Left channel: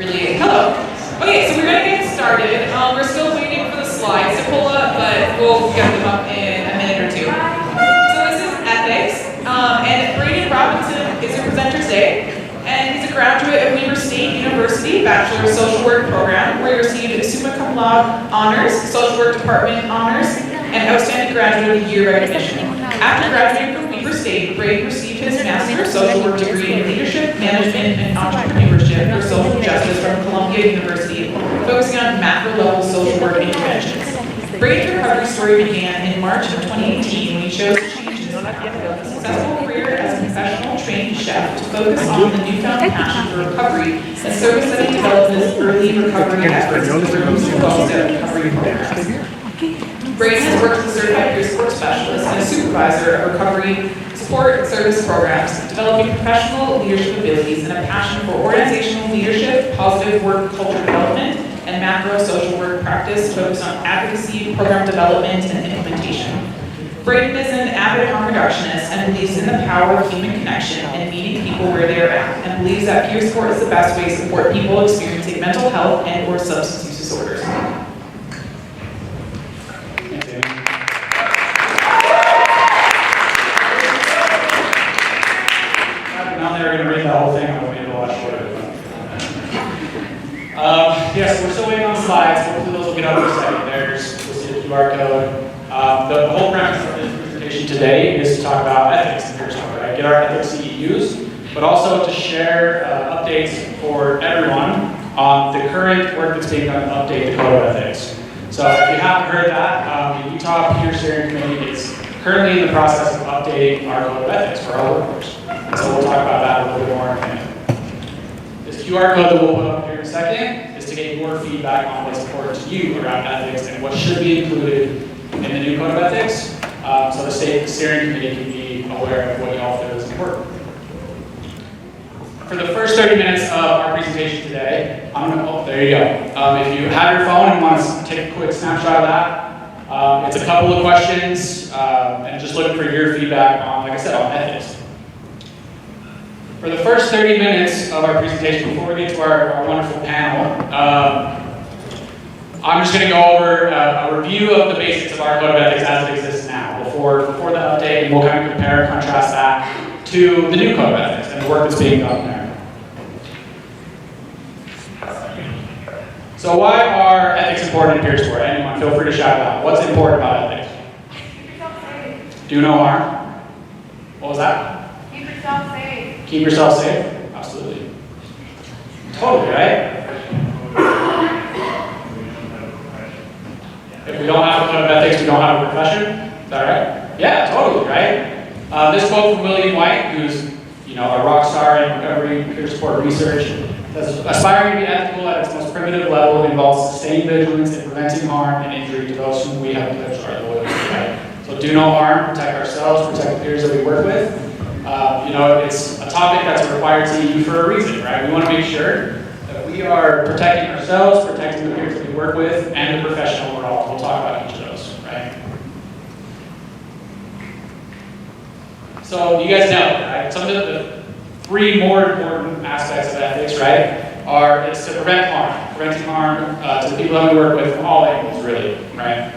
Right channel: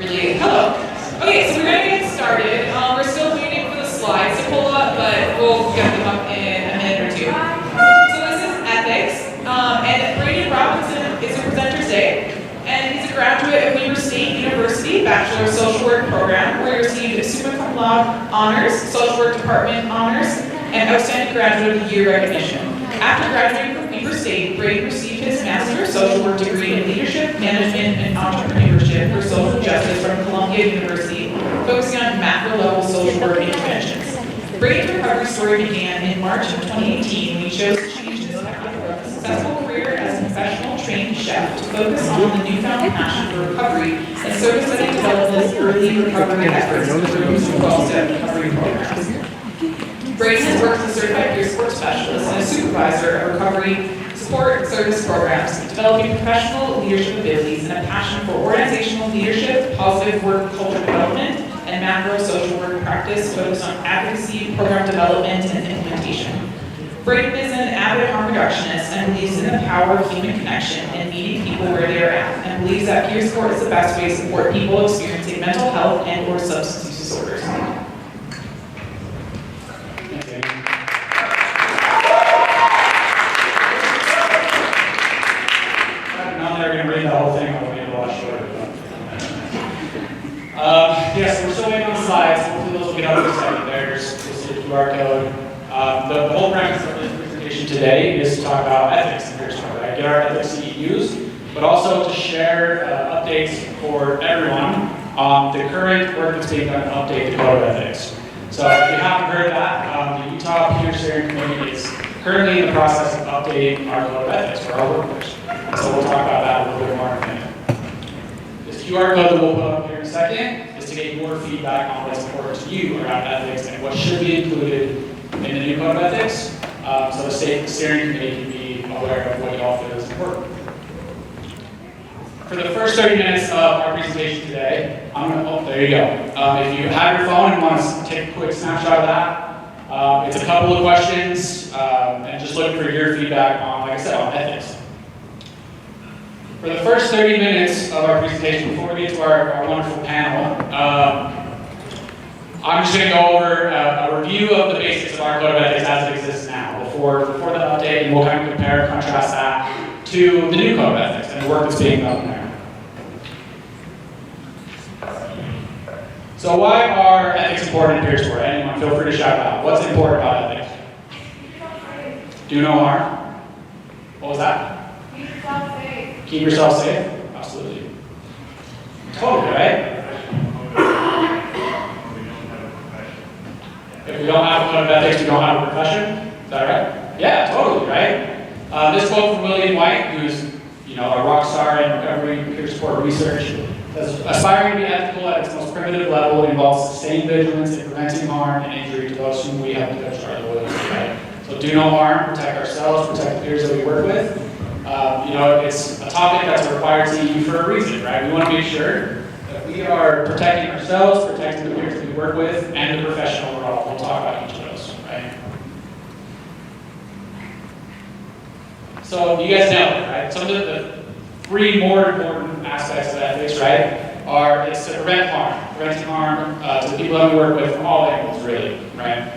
Really, hello. Okay, so we're gonna get started. We're still waiting for the slides to pull up, but we'll get them up in a minute or two. So this is ethics, and Brayden is your presenter today, and he's a graduate of Weber State University Bachelor of Social Work program, where he received summa cum laude honors, Social Work Department honors, and Outstanding Graduate of the Year recognition. After graduating from Weber State, Brayden received his Master of Social Work degree in Leadership, Management, and Entrepreneurship for Social Justice from Columbia University, focusing on macro-level social work interventions. Brayden's recovery story began in March of 2018 when he chose to change his successful career as a professional trained chef to focus on the newfound passion for recovery and service that he developed in his early recovery efforts through recovery programs. Brayden has worked as a certified peer support specialist and a supervisor of recovery support and service programs, developing professional leadership abilities and a passion for organizational leadership, positive work culture development, and macro social work practice focused on advocacy, program development, and implementation. Brayden is an avid harm reductionist and believes in the power of human connection and meeting people where they are at, and believes that peer support is the best way to support people experiencing mental health and/or substance use disorders. We're going to read the whole thing. I'm going to be a lot shorter. Yes, we're still waiting on the slides. Hopefully those will get up in a second. You'll see the QR code. The whole premise of this presentation today is to talk about ethics in peer support, right? Get our ethics CEUs, but also to share updates for everyone on the current work that's being done to update the Code of Ethics. So if you haven't heard that, the Utah Peer Steering Committee is currently in the process of updating our Code of Ethics for our workforce. So we'll talk about that a little bit more in a minute. This QR code that we'll put up here in a second is to get your feedback on what's important to you around ethics and what should be included in the new Code of Ethics, so the state steering committee can be aware of what y'all feel is important. For the first 30 minutes of our presentation today, there you go. If you have your phone and want to take a quick snapshot of that, it's a couple of questions, and just looking for your feedback on, like I said, on ethics. For the first 30 minutes of our presentation, before we get to our wonderful panel, I'm just going to go over a review of the basics of our Code of Ethics as it exists now, before the update, and we'll kind of compare and contrast that to the new Code of Ethics and the work that's being done there. So why are ethics important in peer support? Anyone, feel free to shout it out. What's important about ethics? Keep yourself safe. Do no harm. What was that? Keep yourself safe. Keep yourself safe? Absolutely. Totally, right? If we don't have a Code of Ethics, we don't have a profession. Is that right? Yeah, totally, right? This quote from William White, who's a rock star in recovery peer support research, says, "Aspiring to be ethical at its most primitive level involves sustained vigilance in preventing harm and injury to those whom we have pledged our loyalty." Right? So do no harm, protect ourselves, protect the peers that we work with. It's a topic that's a required CEU for a reason, right? We want to make sure that we are protecting ourselves, protecting the peers that we work with, and the profession overall. We'll talk about each of those, right? So you guys know, right? Some of the three more important aspects of ethics, right, it's to prevent harm. Preventing harm to the people that we work with from all angles, really, right?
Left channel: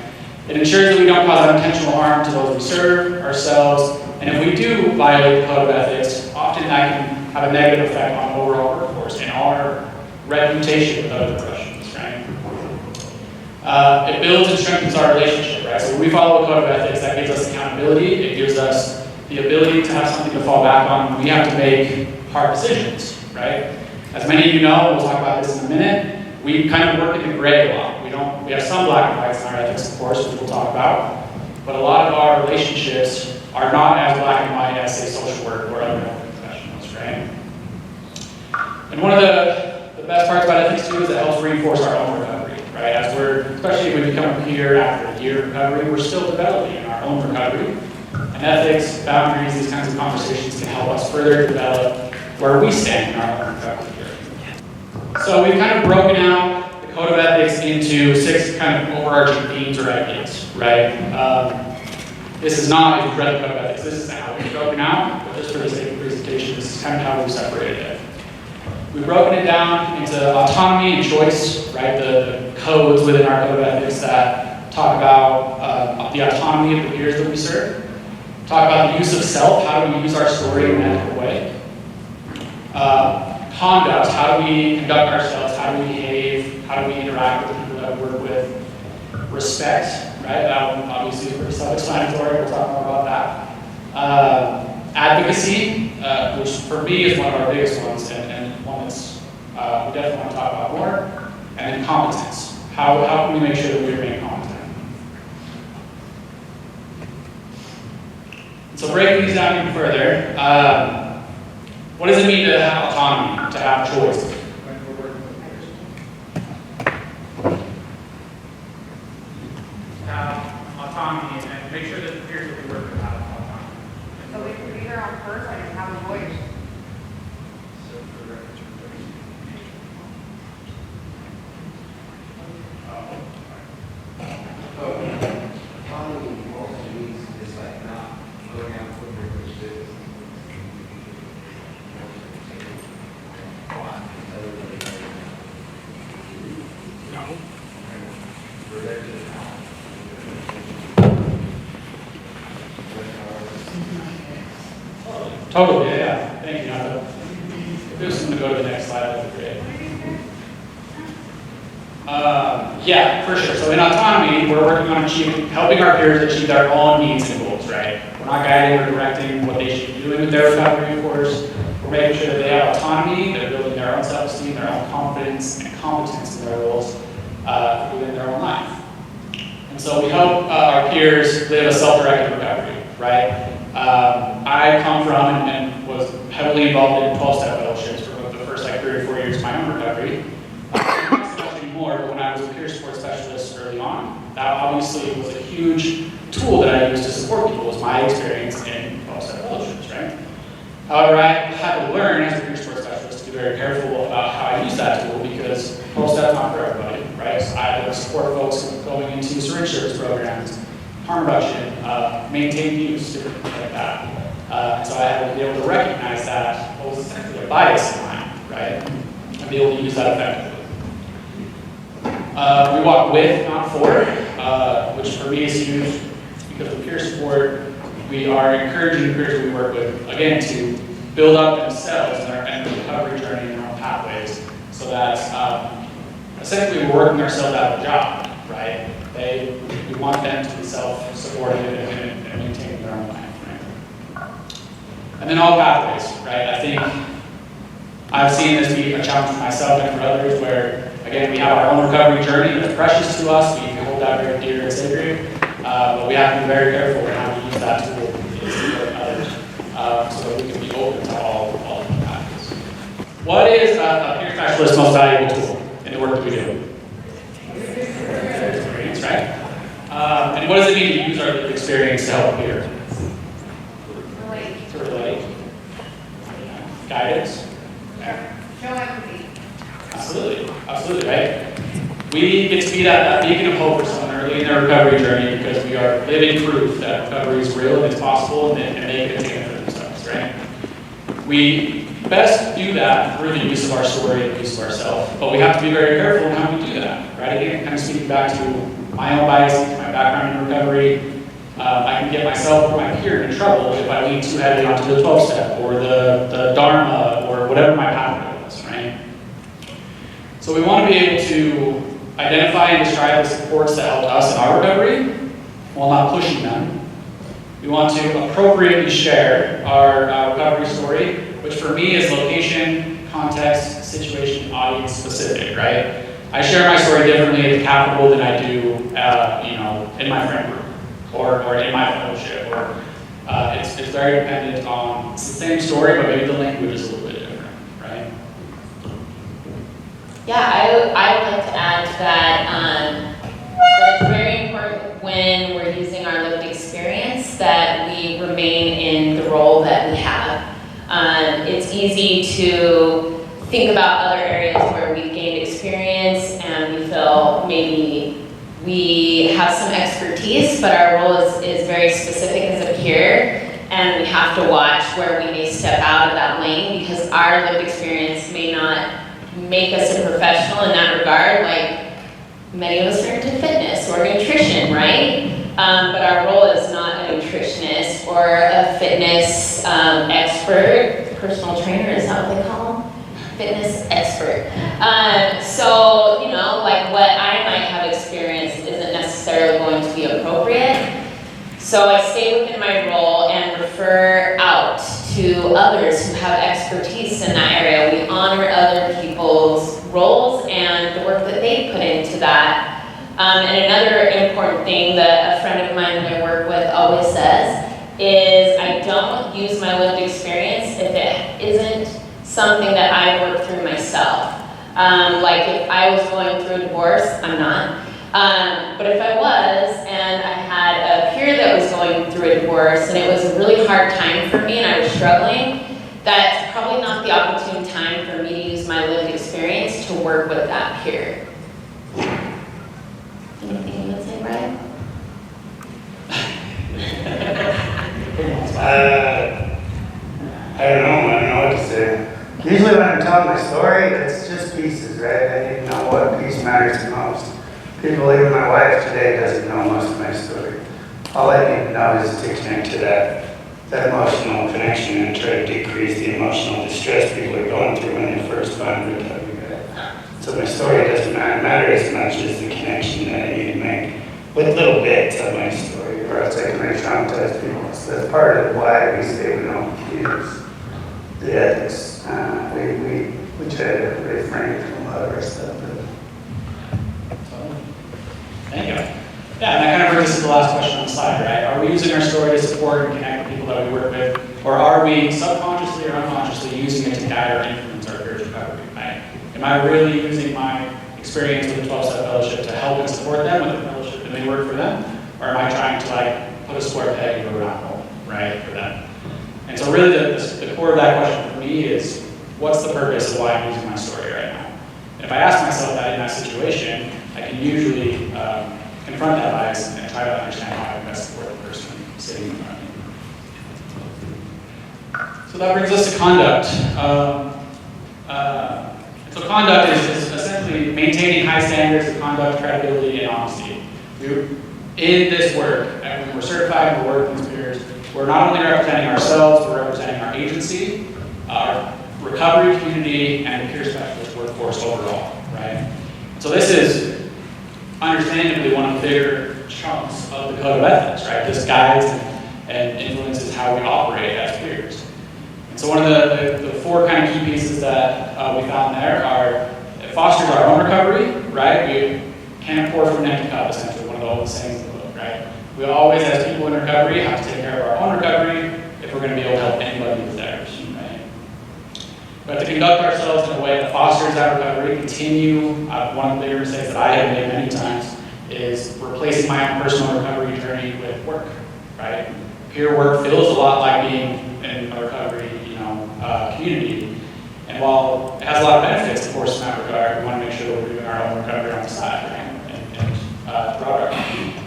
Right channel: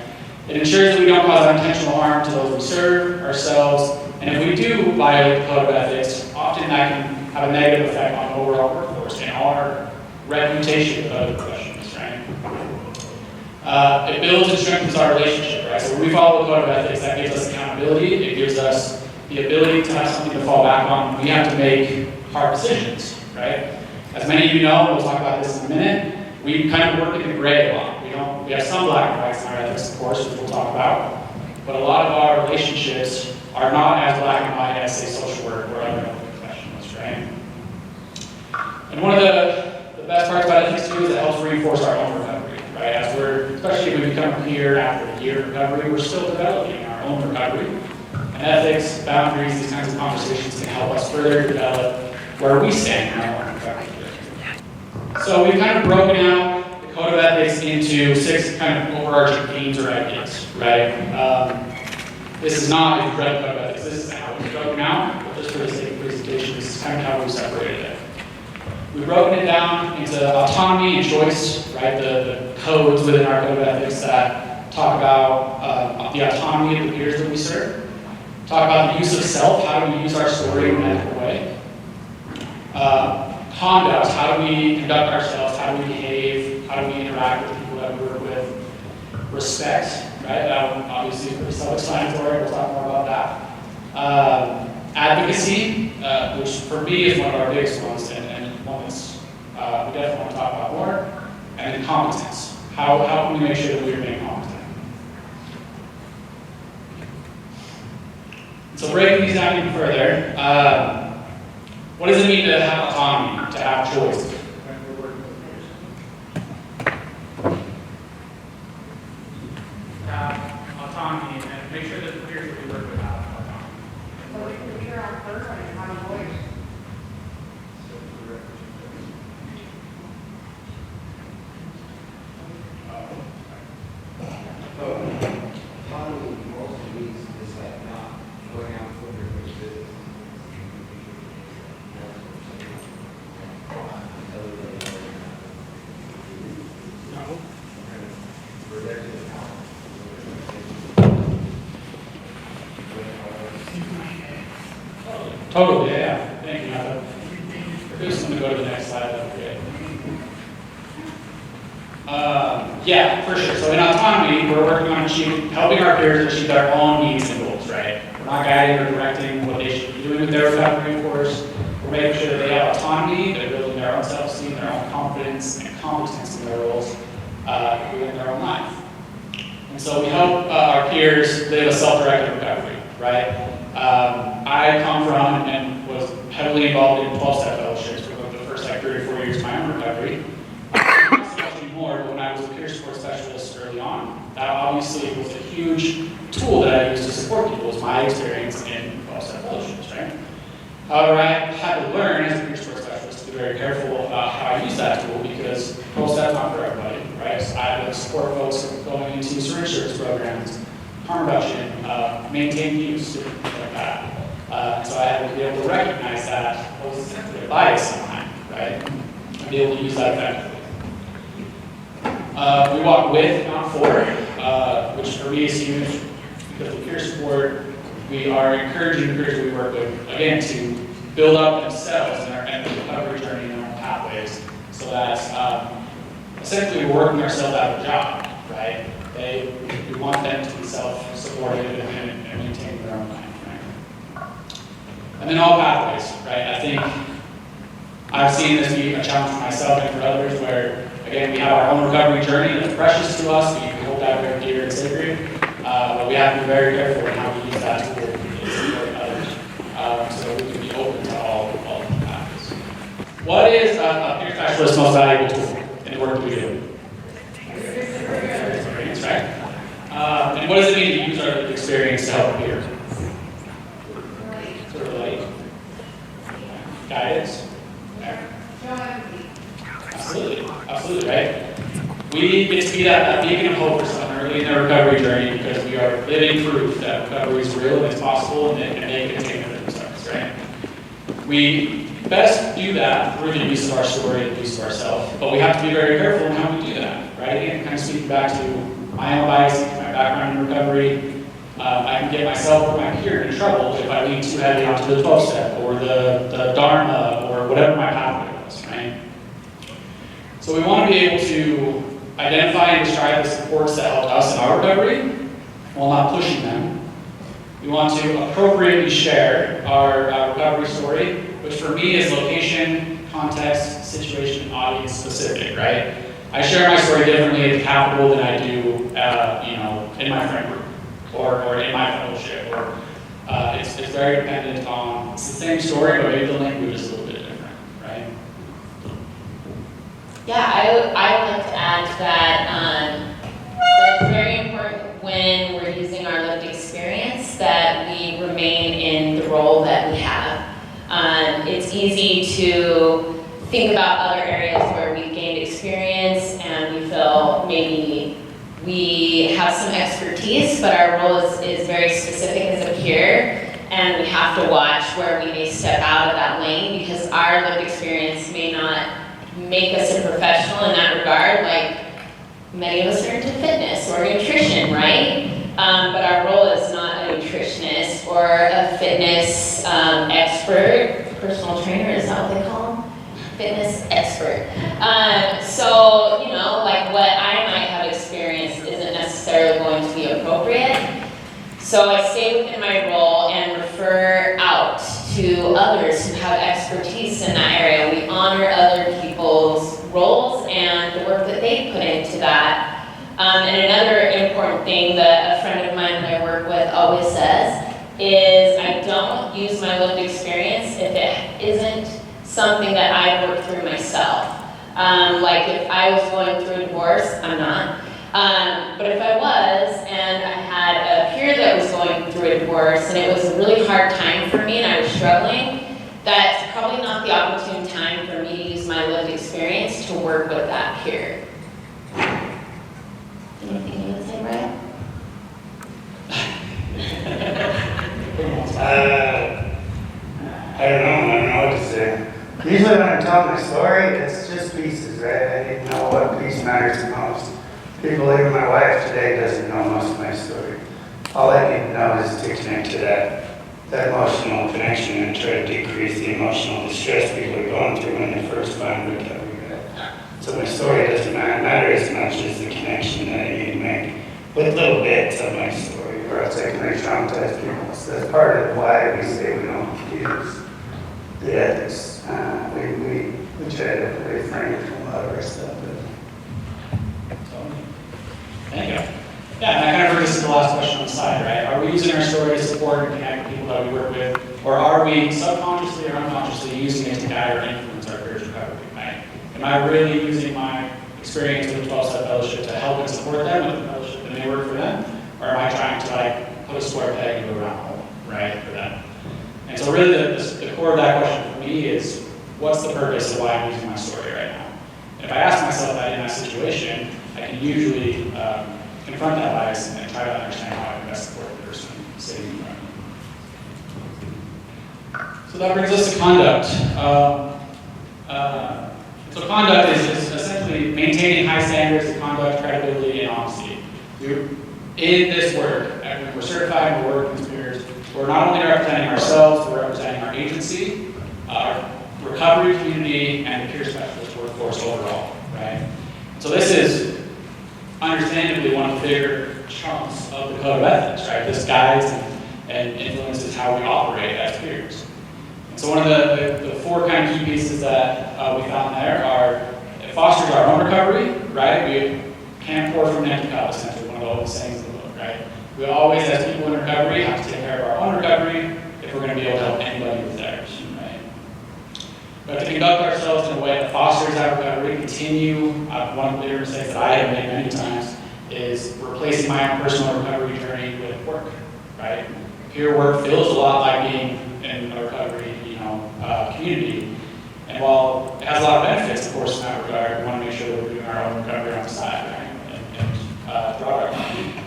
It ensures that we don't cause unintentional harm to those we serve, ourselves, and if we do violate the Code of Ethics, often that can have a negative effect on the overall workforce and our reputation with other professions, right? It builds and strengthens our relationship, right? So when we follow a Code of Ethics, that gives us accountability. It gives us the ability to have something to fall back on when we have to make hard decisions, right? As many of you know, we'll talk about this in a minute, we kind of work in the gray a lot. We have some black and whites in our ethics, of course, which we'll talk about, but a lot of our relationships are not as black and white as, say, social work or other health professionals, right? And one of the best parts about ethics, too, is it helps reinforce our own recovery, right? Especially if we become a peer after a year of recovery, we're still developing in our own recovery. And ethics, boundaries, these kinds of conversations can help us further develop where we stand in our own recovery journey. So we've kind of broken out the Code of Ethics into 6 kind of overarching themes or ideas, right? This is not, if you've read the Code of Ethics, this is how it's broken out, but just for the sake of presentation, this is kind of how we've separated it. We've broken it down into autonomy and choice, right? The codes within our code of ethics that talk about the autonomy of the peers that we serve. Talk about the use of self, how do we use our story in an ethical way. Conduct, how do we conduct ourselves, how do we behave, how do we interact with the people that we work with. Respect, right? That one obviously is pretty self-explanatory, we'll talk more about that. Advocacy, which for me is one of our biggest ones, and one that's we definitely want to talk about more. And then competence. How can we make sure that we remain competent? So breaking these down even further, what does it mean to have autonomy, to have choice? Have autonomy and make sure that the peers that we work with have autonomy. So we can be their own person and have a voice. Autonomy also means it's like not going out for your business. Totally, yeah. Thank you, Nando. If there's someone to go to the next slide, that'd be great. Yeah, for sure. So in autonomy, we're working on helping our peers achieve their own needs and goals, right? We're not guiding or directing what they should be doing with their recovery, of course. We're making sure that they have autonomy, they're building their own self-esteem, their own confidence and competence in their roles within their own life. And so we help our peers live a self-directed recovery, right? I come from and was heavily involved in 12-step fellowships for the first 3 or 4 years of my own recovery. Not so much anymore, but when I was a peer support specialist early on, that obviously was a huge tool that I used to support people, was my experience in 12-step fellowships, right? However, I had to learn as a peer support specialist to be very careful about how I use that tool because 12-step's not for everybody, right? So I had to support folks going into syringe service programs, harm reduction, maintain use, different things like that. So I had to be able to recognize that what was essentially a bias in mine, right? And be able to use that effectively. We walk with, not for, which for me is huge because with peer support, we are encouraging the peers we work with, again, to build up themselves and the recovery journey in their own pathways so that essentially we're working ourselves out of a job, right? We want them to be self-supportive and maintain their own life, right? And then all pathways, right? I think I've seen this be a challenge for myself and for others where, again, we have our own recovery journey that's precious to us. We hold that very dear and sacred, but we have to be very careful in how we use that tool to support others so that we can be open to all of the pathways. What is a peer specialist's most valuable tool in the work that we do? Experience, right? And what does it mean to use our lived experience to help a peer? Relate. To relate. Guidance. Show empathy. Absolutely, right? We get to be that beacon of hope for someone early in their recovery journey because we are living proof that recovery is real and it's possible and they can attain it for themselves, right? We best do that through the use of our story and the use of ourselves, but we have to be very careful in how we do that, right? Again, kind of speaking back to my own biases, my background in recovery, I can get myself or my peer in trouble if I lean too heavily onto the 12-step or the Dharma or whatever my pathway was, right? So we want to be able to identify and describe the supports that helped us in our recovery while not pushing them. We want to appropriately share our recovery story, which for me is location, context, situation, audience specific, right? I share my story differently at the Capitol than I do, in my friend group or in my fellowship. Or it's very dependent on it's the same story, but maybe the language is a little bit different, right? Yeah, I would like to add that it's very important when we're using our lived experience that we remain in the role that we have. It's easy to think about other areas where we've gained experience and we feel maybe we have some expertise, but our role is very specific as a peer, and we have to watch where we may step out of that lane because our lived experience may not make us a professional in that regard. Like, many of us are into fitness or nutrition, right? But our role is not a nutritionist or a fitness expert, personal trainer, is that what they call them? Fitness expert. So, you know, like what I might have experienced isn't necessarily going to be appropriate. So I stay within my role and refer out to others who have expertise in that area. We honor other people's roles and the work that they put into that. And another important thing that a friend of mine that I work with always says is I don't use my lived experience if it isn't something that I worked through myself. Like if I was going through a divorce, I'm not. But if I was, and I had a peer that was going through a divorce, and it was a really hard time for me, and I was struggling, that's probably not the opportune time for me to use my lived experience to work with that peer. Anything you would say, Brayden? I don't know what to say. Usually when I'm telling my story, it's just pieces, right? I need to know what piece matters the most. People, even my wife today, doesn't know most of my story. All I need to know is to connect to that emotional connection and try to decrease the emotional distress people are going through when they first find recovery. So my story doesn't matter as much as the connection that I need to make with little bits of my story, or else I can re-traumatize people. So that's part of why we say we don't use the ethics. We try to refrain from a lot of our stuff. Thank you. Yeah, and that kind of brings us to the last question on the slide, right? Are we using our story to support and connect with people that we work with, or are we subconsciously or unconsciously using it to guide or influence our peers' recovery, right? Am I really using my experience with the 12-step fellowship to help and support them with the fellowship and they work for them, or am I trying to like put a square peg in a round hole, right, for them? And so really the core of that question for me is, what's the purpose of why I'm using my story right now? And if I ask myself that in that situation, I can usually confront that bias and try to understand how I can best support the person sitting in front of me. So that brings us to conduct. So conduct is essentially maintaining high standards of conduct, credibility, and honesty. In this work, and when we're certified and we're working with peers, we're not only representing ourselves, we're representing our agency, our recovery community, and the peer specialist workforce overall, right? So this is understandably one of the bigger chunks of the code of ethics, right? This guides and influences how we operate as peers. And so one of the four kind of key pieces that we found there are, it fosters our own recovery, right? We can't pour from an empty cup, essentially, one of the old sayings in the book, right? We always, as people in recovery, have to take care of our own recovery if we're going to be able to help anybody with theirs, right? We have to conduct ourselves in a way that fosters that recovery, continue, one of the bigger mistakes that I have made many times is replacing my own personal recovery journey with work, right? Peer work feels a lot like being in a recovery, community. And while it has a lot of benefits, of course, in that regard, we want to make sure that we're doing our own recovery on the side, right? And throughout our community.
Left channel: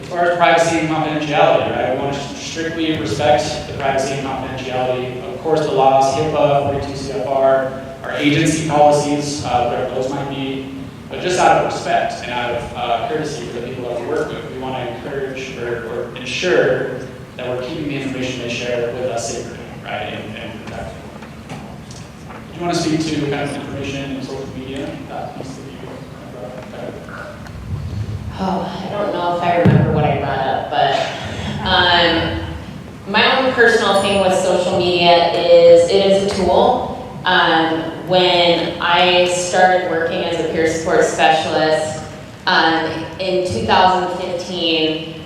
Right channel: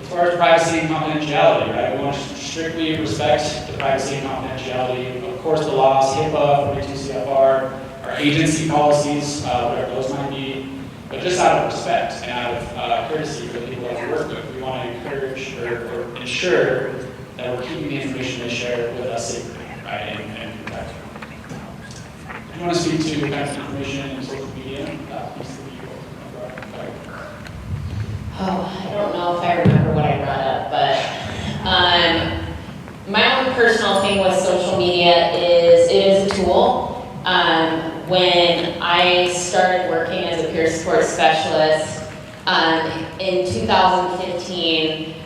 As far as privacy and confidentiality, right? We want to strictly respect the privacy and confidentiality. Of course, the laws, HIPAA, 42 CFR, our agency policies, whatever those might be. But just out of respect and out of courtesy for the people that we work with, we want to encourage or ensure that we're keeping the information they share with us sacred, right, and protected. Do you want to speak to kind of information and social media? That piece that you brought up? Oh, I don't know if I remember what I brought up, but my own personal thing with social media is it is a tool. When I started working as a peer support specialist in 2015,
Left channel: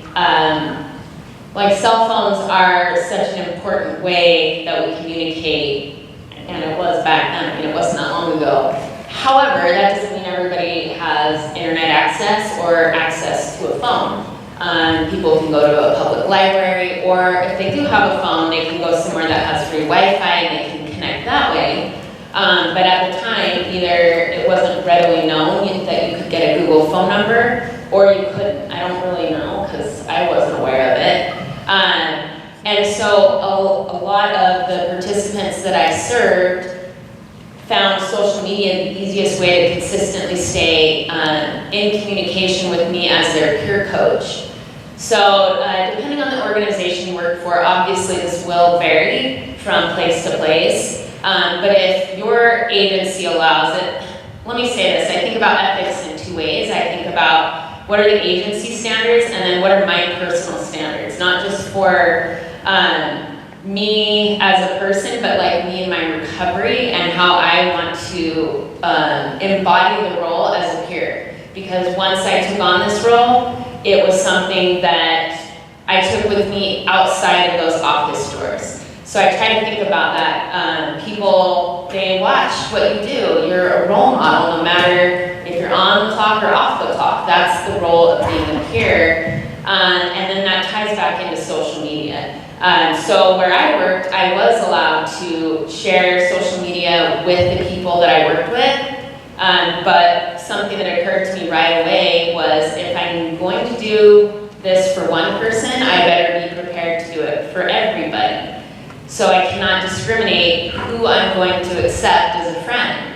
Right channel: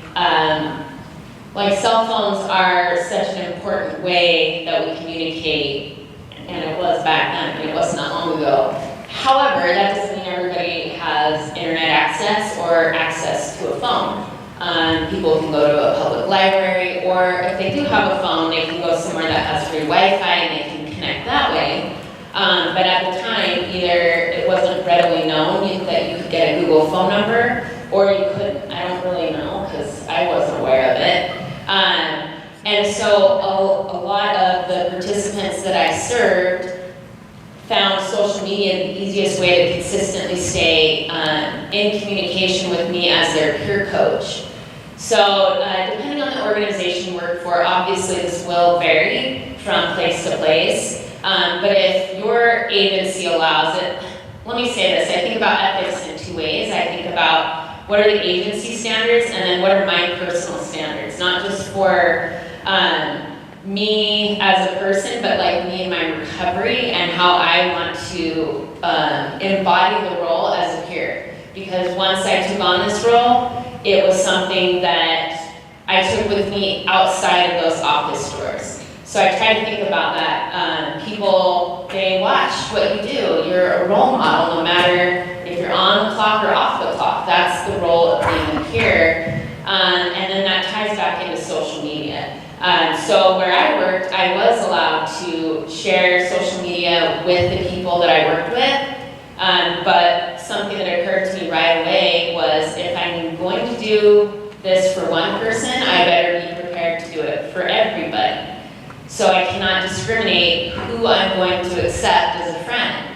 like cell phones are such an important way that we communicate, and it was back then, I mean, it wasn't that long ago. However, that doesn't mean everybody has internet access or access to a phone. People can go to a public library, or if they do have a phone, they can go somewhere that has free Wi-Fi and they can connect that way. But at the time, either it wasn't readily known that you could get a Google phone number, or you couldn't. I don't really know, because I wasn't aware of it. And so a lot of the participants that I served found social media the easiest way to consistently stay in communication with me as their peer coach. So depending on the organization you work for, obviously this will vary from place to place. But if your agency allows it, let me say this, I think about ethics in two ways. I think about what are the agency standards and then what are my personal standards, not just for me as a person, but like me in my recovery and how I want to embody the role as a peer. Because once I took on this role, it was something that I took with me outside of those office doors. So I try to think about that. People, they watch what you do. You're a role model, no matter if you're on the clock or off the clock. That's the role of being a peer. And then that ties back into social media. So where I worked, I was allowed to share social media with the people that I worked with. But something that occurred to me right away was if I'm going to do this for one person, I better be prepared to do it for everybody. So I cannot discriminate who I'm going to accept as a friend.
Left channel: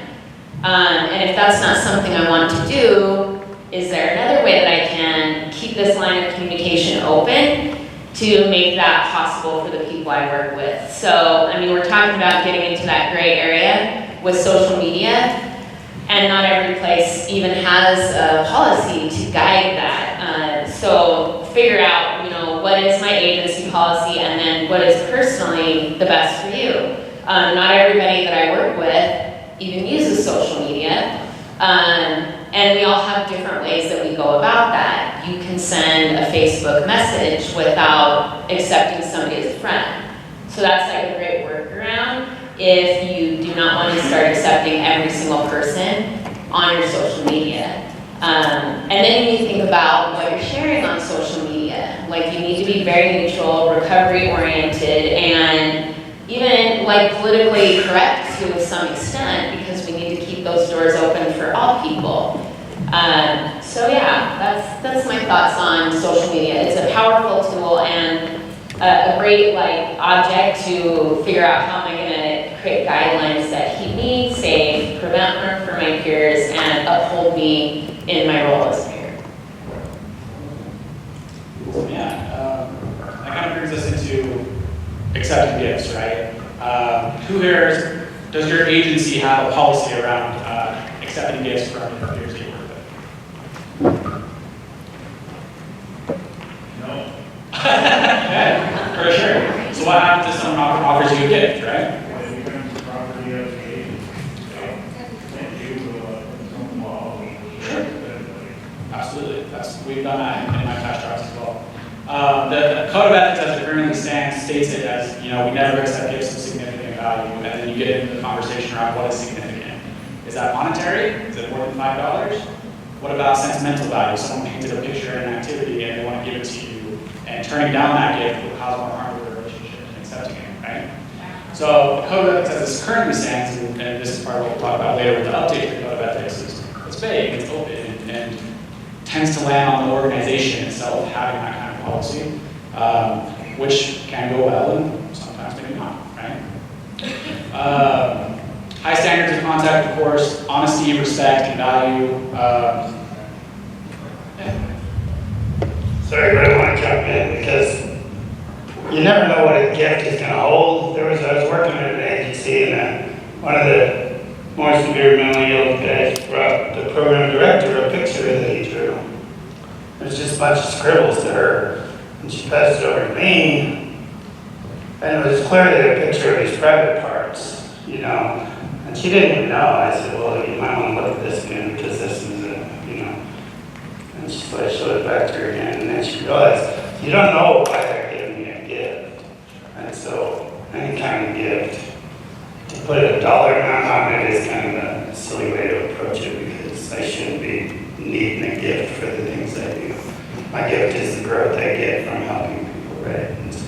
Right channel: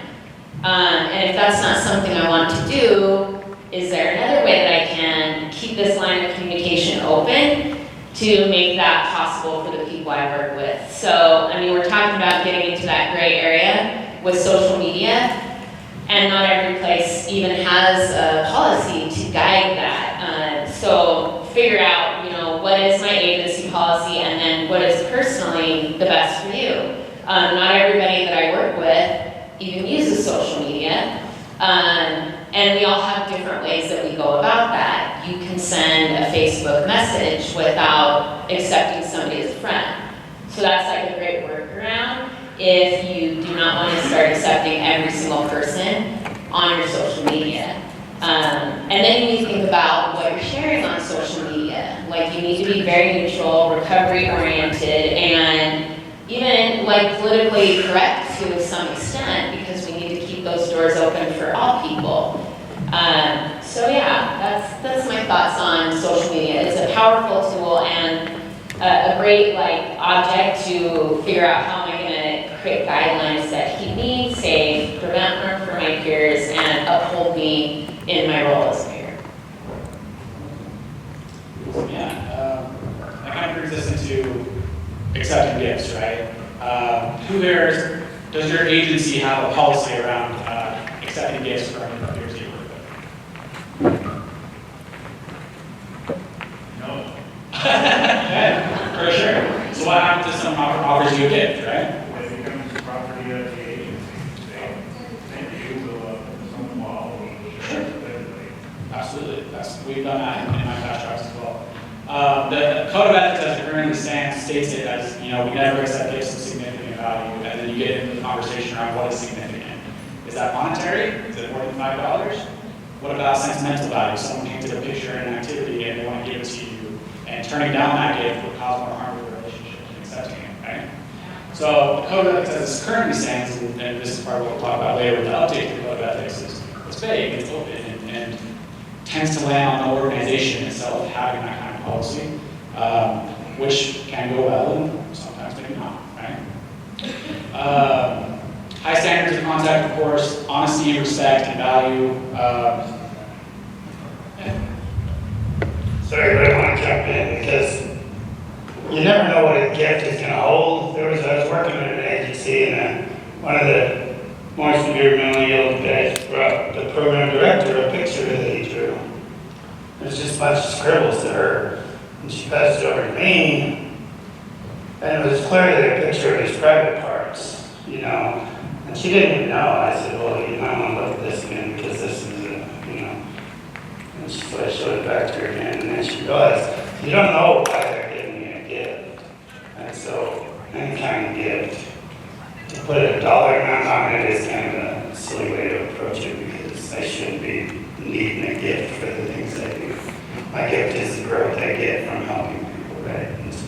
And if that's not something I want to do, is there another way that I can keep this line of communication open to make that possible for the people I work with? So, I mean, we're talking about getting into that gray area with social media, and not every place even has a policy to guide that. So figure out, you know, what is my agency policy and then what is personally the best for you. Not everybody that I work with even uses social media. And we all have different ways that we go about that. You can send a Facebook message without accepting somebody as a friend. So that's like a great workaround if you do not want to start accepting every single person on your social media. And then you need to think about what you're sharing on social media. Like, you need to be very neutral, recovery oriented, and even like politically correct to some extent, because we need to keep those doors open for all people. So yeah, that's my thoughts on social media. It's a powerful tool and a great like object to figure out how am I going to create guidelines that keep me safe, prevent harm for my peers, and uphold me in my role as a peer. So yeah, that kind of brings us into accepting gifts, right? Who here, does your agency have a policy around accepting gifts from your peers that you work with? No. Yeah, for sure. So what happens if someone offers you a gift, right? It becomes property of the agency. And you some law. Absolutely. We've done that in my past jobs as well. The code of ethics as it currently stands states it as, you know, we never accept gifts of significant value, and then you get into the conversation around what is significant. Is that monetary? Is it more than $5? What about sentimental value? Someone painted a picture in an activity and they want to give it to you, and turning down that gift will cause more harm to the relationship than accepting it, right? So the code of ethics as it currently stands, and this is part of what we'll talk about later with the update to the code of ethics, is it's vague, it's open, and tends to land on the organization itself having that kind of policy, which can go well and sometimes maybe not, right? High standards of contact, of course, honesty, respect, and value. Sorry, but I want to jump in because you never know what a gift is going to hold. I was working at an agency, and one of the more severe mentally ill guys brought the program director a picture that he drew. It was just a bunch of scribbles to her, and she passed it over to me, and it was clearly a picture of his private parts, you know. And she didn't even know. I said, well, you might want to look at this again because this is a, you know. And so I showed it back to her again, and then she realized, you don't know why they're giving me a gift. And so any kind of gift, to put a dollar amount on it is kind of a silly way to approach it, because I shouldn't be needing a gift for the things I do. My gift is the growth I get from helping people, right? And so,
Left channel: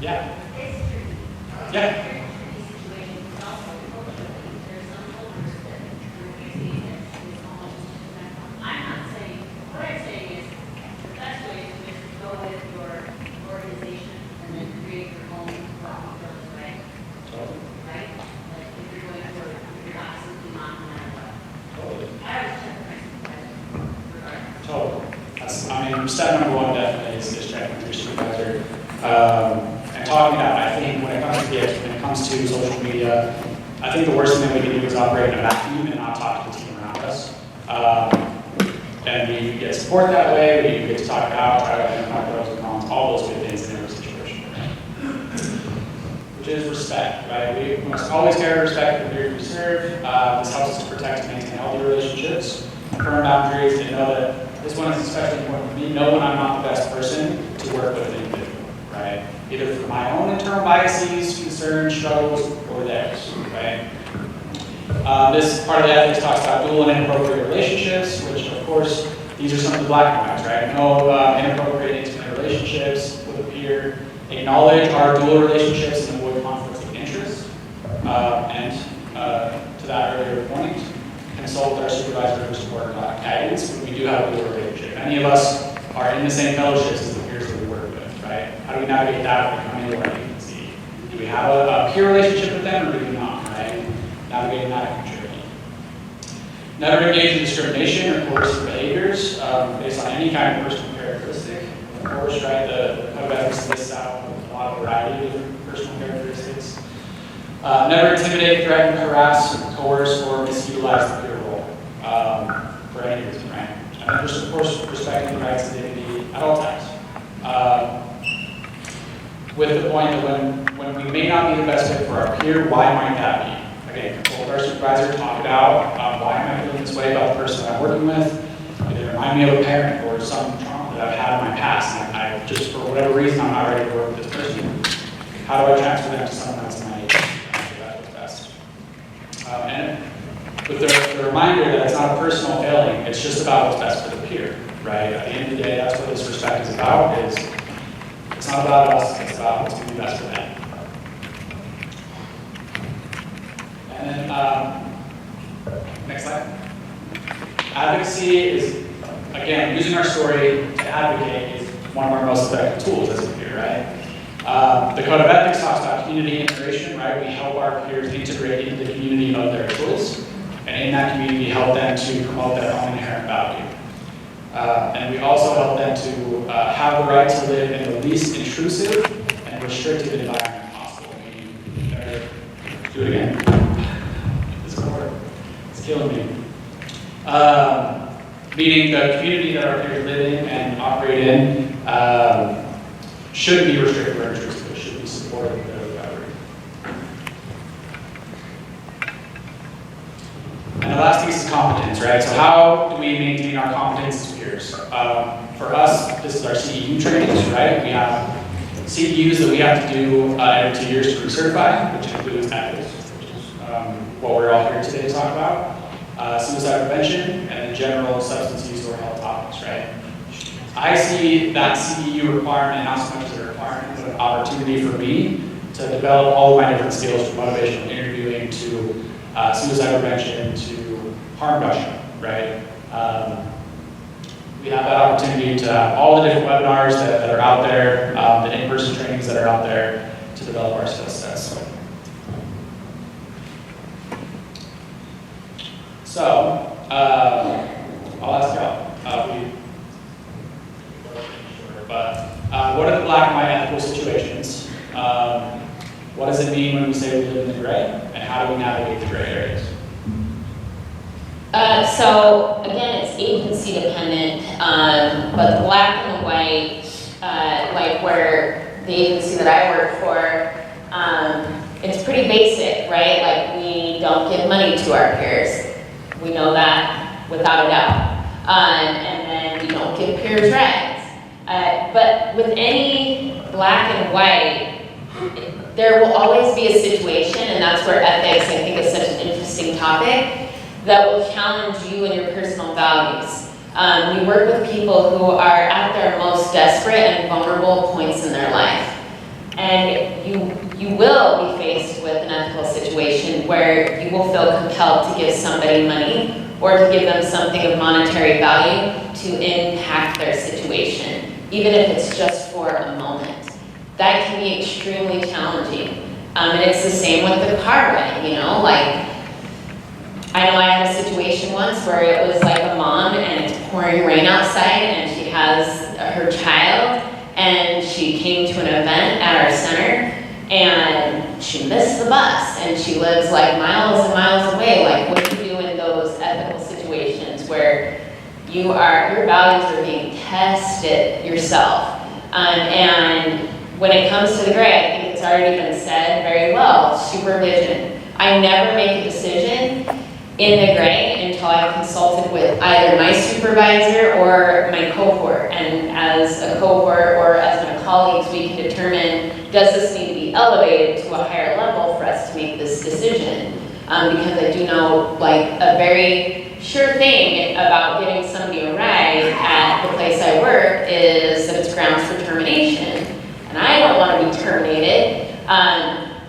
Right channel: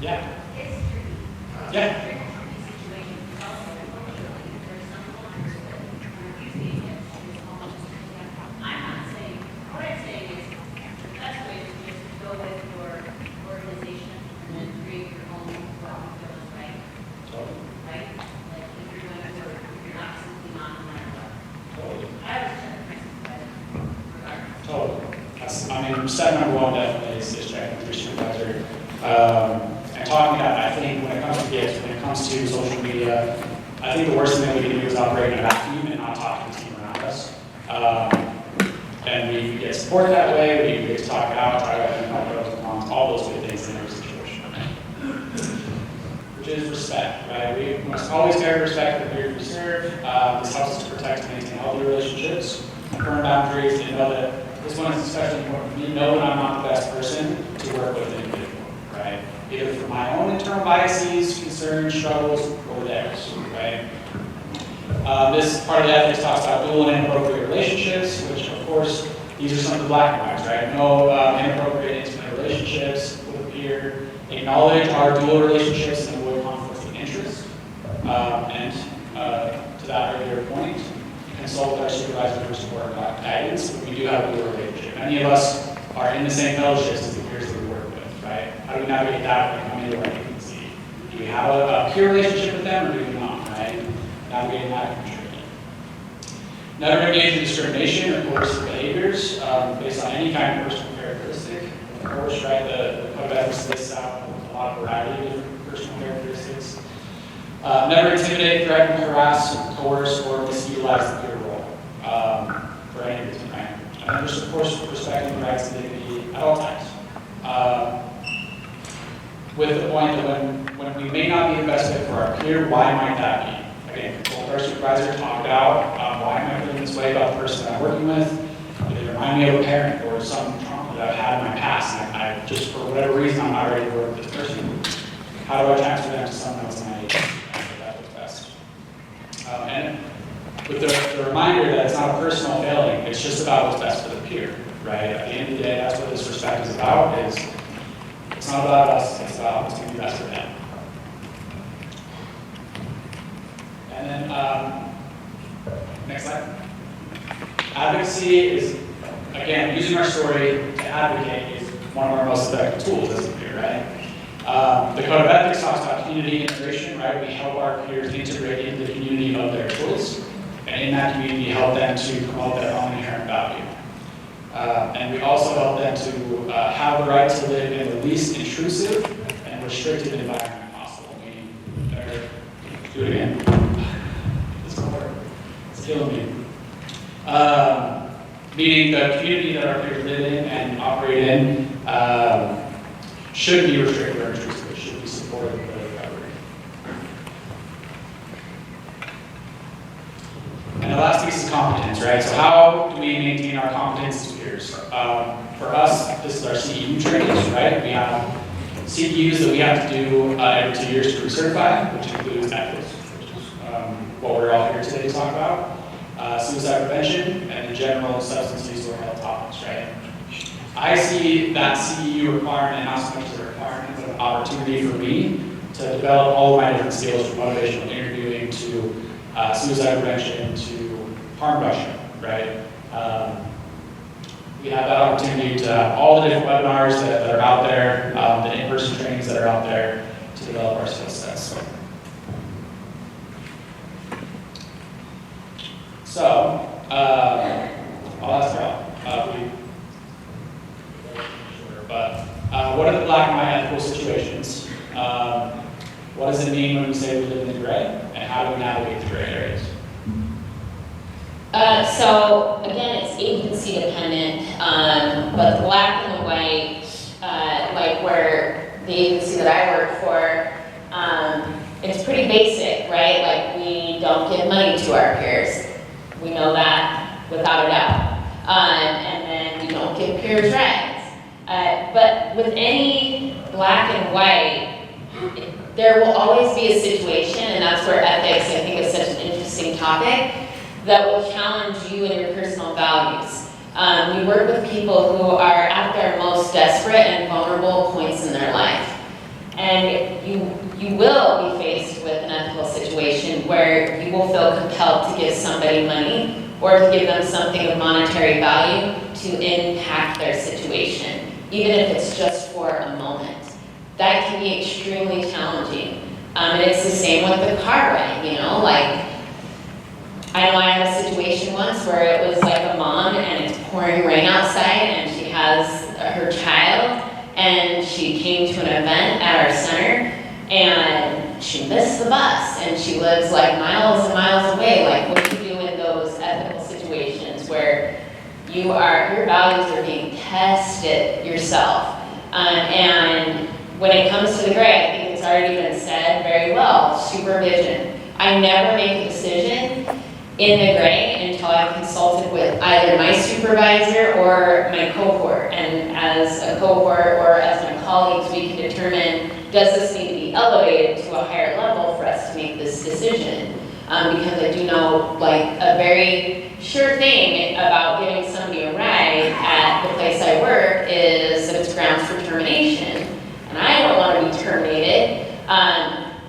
Yeah. Yeah. I'm not saying step number one definitely is checking with your supervisor and talking about it. I think when it comes to gifts, when it comes to social media, I think the worst thing that we can do is operate in a vacuum and not talk to the team around us. And we get support that way, we get to talk about, try to identify pros and cons, all those good things in every situation. Which is respect, right? We must always carry respect for the peers we serve. This helps us to protect and maintain healthy relationships, firm boundaries, and know that this one is especially important for me. Know when I'm not the best person to work with an individual, right? Either for my own internal biases, concerns, struggles, or theirs, right? This part of the ethics talks about dual and inappropriate relationships, which of course, these are some of the black and whites, right? No inappropriate intimate relationships with a peer. Acknowledge our dual relationships and avoid conflicts of interest. To that earlier point, consult with our supervisor for support and guidance when we do have a dual relationship. Many of us are in the same fellowships as the peers that we work with, right? How do we navigate that when we come into our agency? Do we have a peer relationship with them or do we not, right? Navigating that can be tricky. Never engage in discrimination or coercive behaviors based on any kind of personal characteristic. Of course, right, the code of ethics lists out a lot of variety of different personal characteristics. Never intimidate, threaten, harass, coerce, or misutilize the peer role for any reason, right? And just, of course, respecting the rights and dignity at all times. With the point that when we may not be the best fit for our peer, why might that be? Again, consult with our supervisor, talk about why am I feeling this way about the person that I'm working with. Either remind me of a parent or some trauma that I've had in my past, and I just, for whatever reason, I'm not ready to work with this person. How do I transfer them to someone else in my agency? That's what's best. And with the reminder that it's not a personal failing, it's just about what's best for the peer, right? At the end of the day, that's what this respect is about, is it's not about us, it's about what's going to be best for them. And then, next slide. Advocacy is, again, using our story to advocate is one of our most effective tools as a peer, right? The Code of Ethics talks about community integration, right? We help our peers integrate into the community of their choice, and in that community, help them to promote their own inherent value. And we also help them to have the right to live in the least intrusive and restrictive environment possible. Do it again. It's killing me. Meaning the community that our peers live in and operate in shouldn't be restrictive or intrusive. It should be supportive of their recovery. And the last piece is competence, right? So how do we maintain our competence as peers? For us, this is our CEU trainings, right? We have CEUs that we have to do every 2 years to recertify, which includes ethics, which is what we're all here today to talk about. Suicide prevention, and then general substance use or health topics, right? I see that CEU requirement not so much as a requirement, but an opportunity for me to develop all of my different skills from motivational interviewing to suicide prevention to harm reduction, right? We have that opportunity to have all the different webinars that are out there, the in-person trainings that are out there to develop our skill sets. So, I'll ask y'all. What are the black and white ethical situations? What does it mean when we say we live in the gray? And how do we navigate the gray areas? So again, it's agency dependent, but the black and the white, like where the agency that I work for, it's pretty basic, right? Like we don't give money to our peers. We know that without a doubt. And then we don't give peers rights. But with any black and white, there will always be a situation, and that's where ethics, I think, is such an interesting topic, that will challenge you and your personal values. We work with people who are at their most desperate and vulnerable points in their life. And you will be faced with an ethical situation where you will feel compelled to give somebody money or to give them something of monetary value to impact their situation, even if it's just for a moment. That can be extremely challenging. And it's the same with the car ride, you know, like, I know I had a situation once where it was like a mom and it's pouring rain outside and she has came to an event at our center and she missed the bus and she lives like miles and miles away. Like, what do you do in those ethical situations where your values are being tested yourself? And when it comes to the gray, I think it's already been said very well, supervision. I never make a decision in the gray until I've consulted with either my supervisor or my cohort. And as a cohort or as my colleagues, we can determine, does this need to be elevated to a higher level for us to make this decision? Because I do know, like, a very sure thing about getting somebody a ride at the place I work is that it's grounds for termination. And I don't want to be terminated.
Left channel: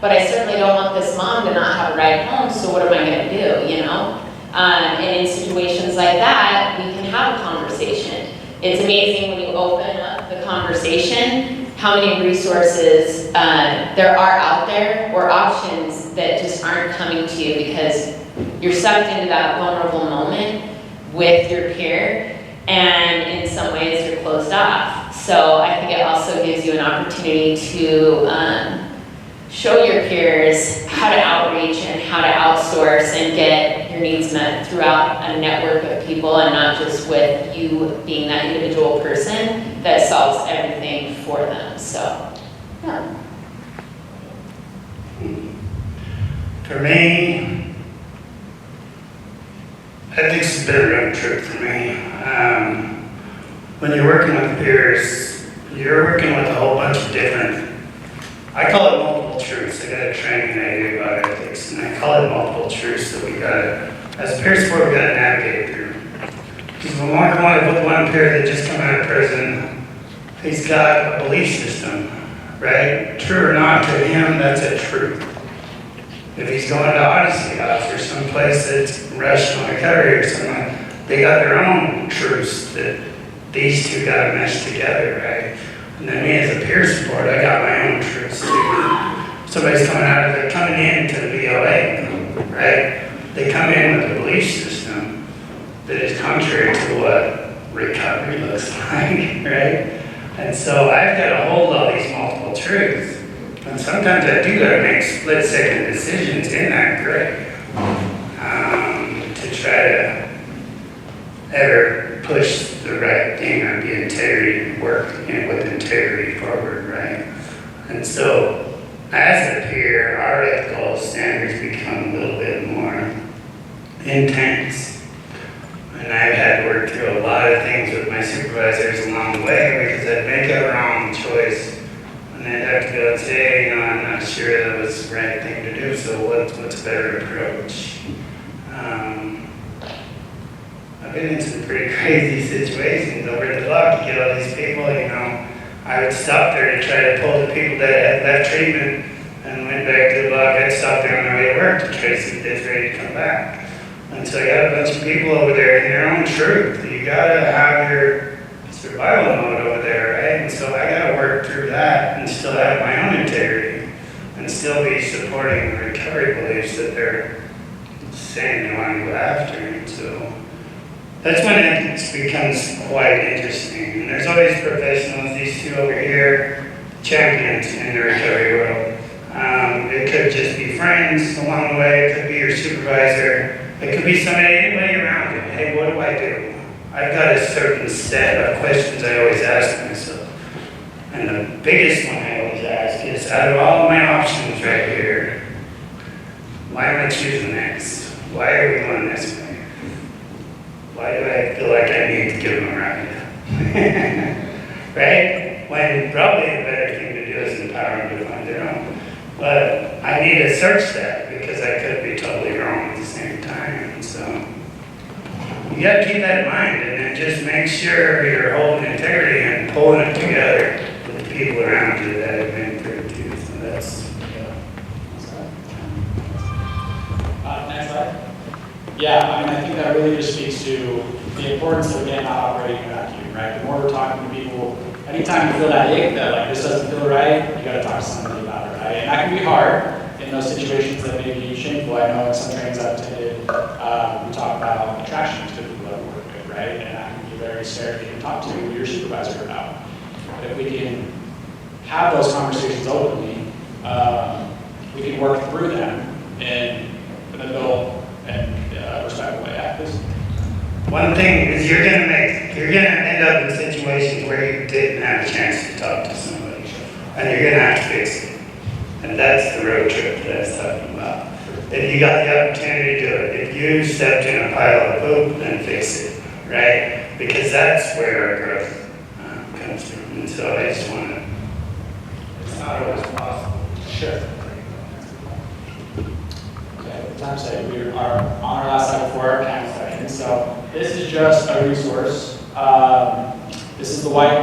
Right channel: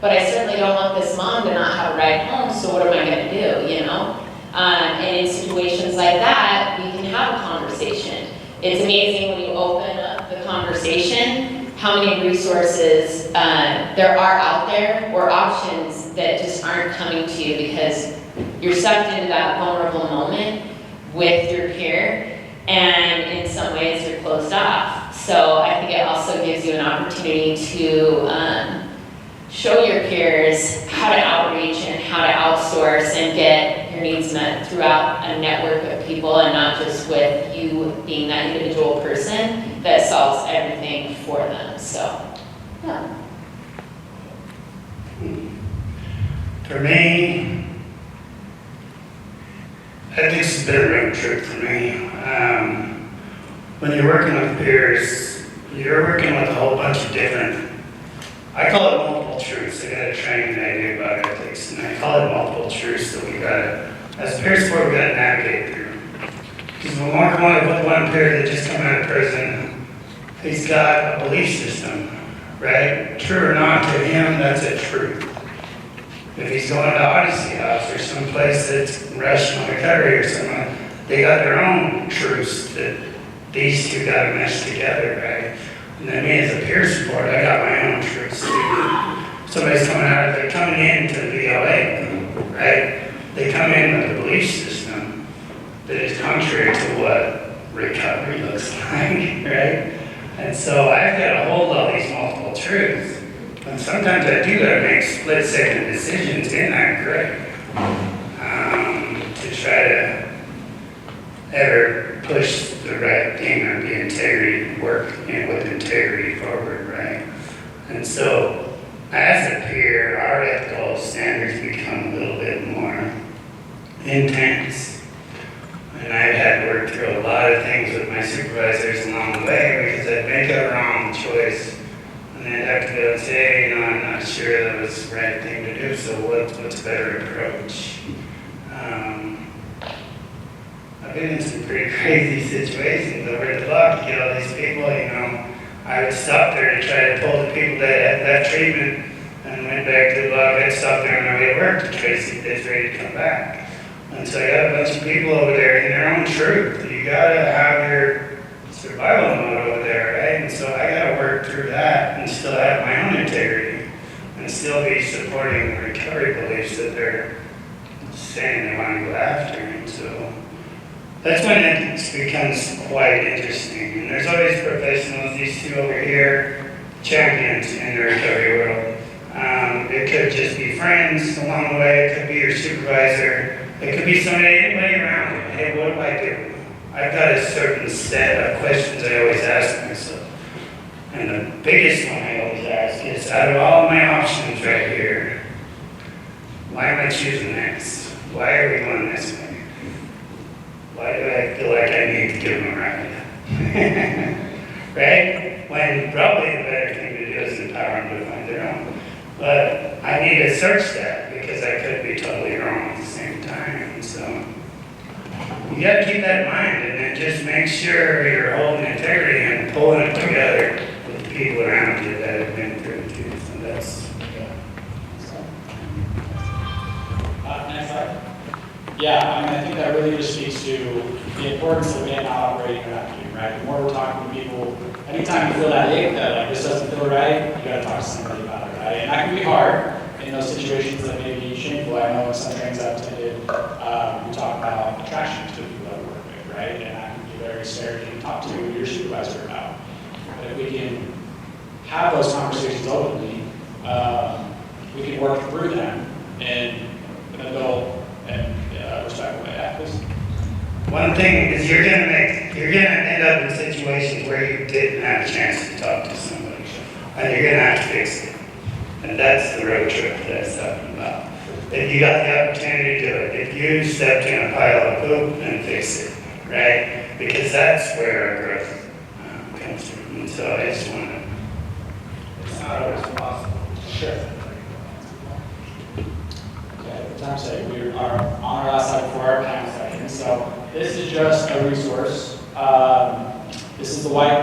But I certainly don't want this mom to not have a ride home, so what am I going to do, you know? And in situations like that, we can have a conversation. It's amazing when you open up the conversation, how many resources there are out there or options that just aren't coming to you because you're sucked into that vulnerable moment with your peer, and in some ways you're closed off. So I think it also gives you an opportunity to show your peers how to outreach and how to outsource and get your needs met throughout a network of people and not just with you being that individual person that solves everything for them. So, yeah. For me, ethics has been a road trip for me. When you're working with peers, you're working with a whole bunch of different, I call it multiple truths. I got a training I do about ethics, and I call it multiple truths that we gotta, as a peer support, we gotta navigate through. Because when we're going with one peer that just come out of prison, he's got a belief system, right? True or not, to him, that's a truth. If he's going to Odyssey House or someplace that's rational recovery or something, they got their own truths that these two gotta mesh together, right? And then me as a peer support, I got my own truths too. Somebody's coming into the VOA, right? They come in with a belief system that is contrary to what recovery looks like, right? And so I've got to hold all these multiple truths. And sometimes I do got to make split-second decisions in that gray to try to ever push the right thing or the integrity, work with integrity forward, right? And so, as a peer, our ethical standards become a little bit more intense. And I've had to work through a lot of things with my supervisors along the way because I'd make a wrong choice. And they'd have to go and say, you know, I'm not sure that was the right thing to do, so what's a better approach? I've been in some pretty crazy situations over at the block to get all these people, you know. I would stop there to try to pull the people that had left treatment and went back to the block. I'd stop there on their way to work to try to see if they're ready to come back. And so I got a bunch of people over there in their own truth. You gotta have your survival mode over there, right? And so I gotta work through that and still have my own integrity and still be supporting the recovery beliefs that they're saying they want to go after. And so that's when it becomes quite interesting. And there's always professionals, these two over here, champions in the recovery world. It could just be friends along the way. It could be your supervisor. It could be anybody around you. Hey, what do I do? I've got a certain set of questions I always ask myself. And the biggest one I always ask is, out of all my options right here, why am I choosing this? Why are we going this way? Why do I feel like I need to give them a ride? Right? When probably the better thing to do is empower them to find their own. But I need to search that because I could be totally wrong at the same time. So you got to keep that in mind and then just make sure you're holding integrity and pulling it together with the people around you that have been through it too. So that's, Next slide. Yeah, I mean, I think that really just speaks to the importance of, again, not operating in a vacuum, right? The more we're talking to people, anytime you feel that ache, that like this doesn't feel right, you got to talk to somebody about it, right? And that can be hard in those situations that may be shameful. I know in some trainings I've attended, we talk about attractions to people that we work with, right? And that can be very scary to talk to your supervisor about. But if we can have those conversations openly, we can work through them in an adult and respectful way. Yeah, please. One thing is you're gonna end up in situations where you didn't have a chance to talk to somebody, and you're gonna have to fix it. And that's the road trip that I was talking about. If you got the opportunity to do it, if you stepped in a pile of poop, then fix it, right? Because that's where our growth comes from. And so I just want to, it's not always possible. Sure. Okay, with time said, we are on our last slide before our panel session. So this is just a resource. This is the White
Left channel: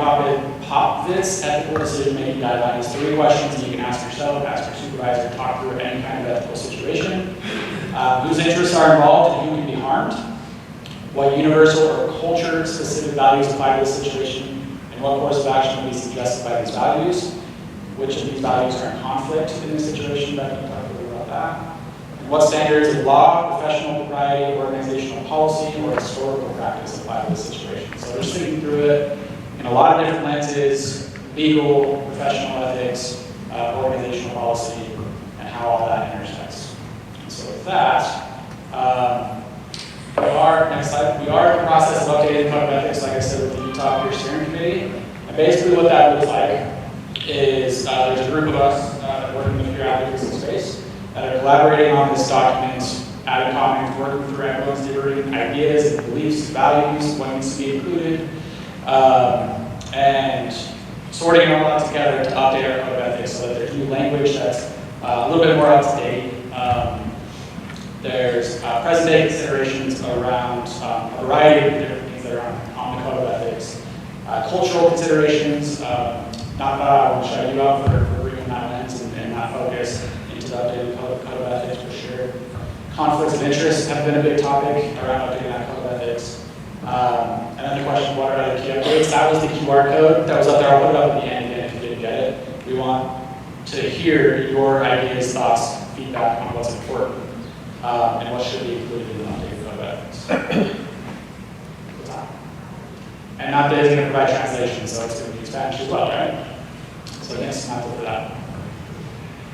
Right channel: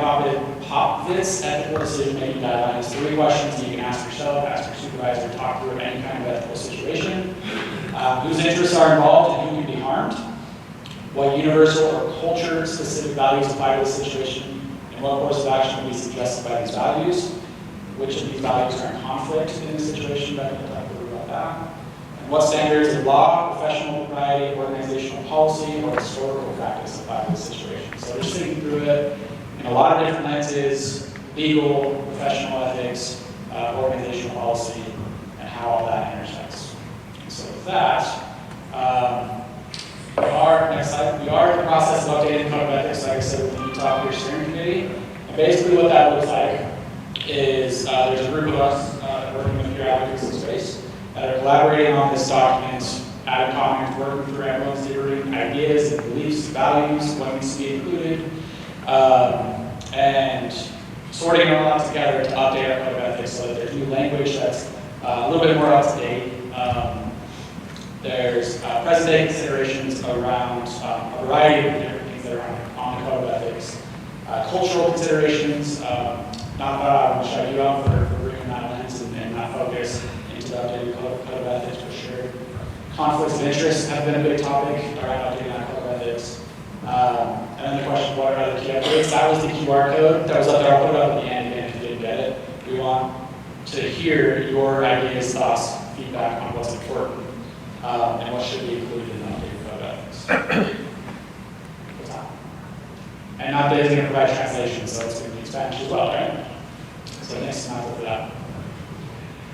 Popovits Ethical Decision-Making Guidelines. 3 questions that you can ask yourself, ask your supervisor, talk through any kind of ethical situation. Whose interests are involved and who can be harmed? What universal or culture-specific values apply to this situation? And what course of action will be suggested by these values? Which of these values are in conflict in this situation? Becky can talk a little about that. And what standards of law, professional propriety, organizational policy, or historical practice apply to this situation? So we're just thinking through it in a lot of different lenses: legal, professional ethics, organizational policy, and how all that intersects. And so with that, next slide, we are in the process of updating the Code of Ethics, like I said, with the Utah Peer Steering Committee. And basically what that looks like is there's a group of us that work in the peer advocacy space that are collaborating on this document, adding comments, working through everyone's different ideas and beliefs and values, what needs to be included, and sorting it all out together to update our Code of Ethics so that there's new language that's a little bit more up to date. There's present-day considerations around a variety of different things that are on the Code of Ethics. Cultural considerations, not that I want to shout you out for bringing that lens and that focus into the updated Code of Ethics for sure. Conflicts of interest have been a big topic around updating that Code of Ethics. And then the question, what are other key updates? That was the QR code that was up there. I'll put it up at the end again if you didn't get it. We want to hear your ideas, thoughts, feedback on what's important. And what should be included in the updated Code of Ethics. And not that it's going to provide translation, so it's going to be Spanish as well, right? So yes, not for that.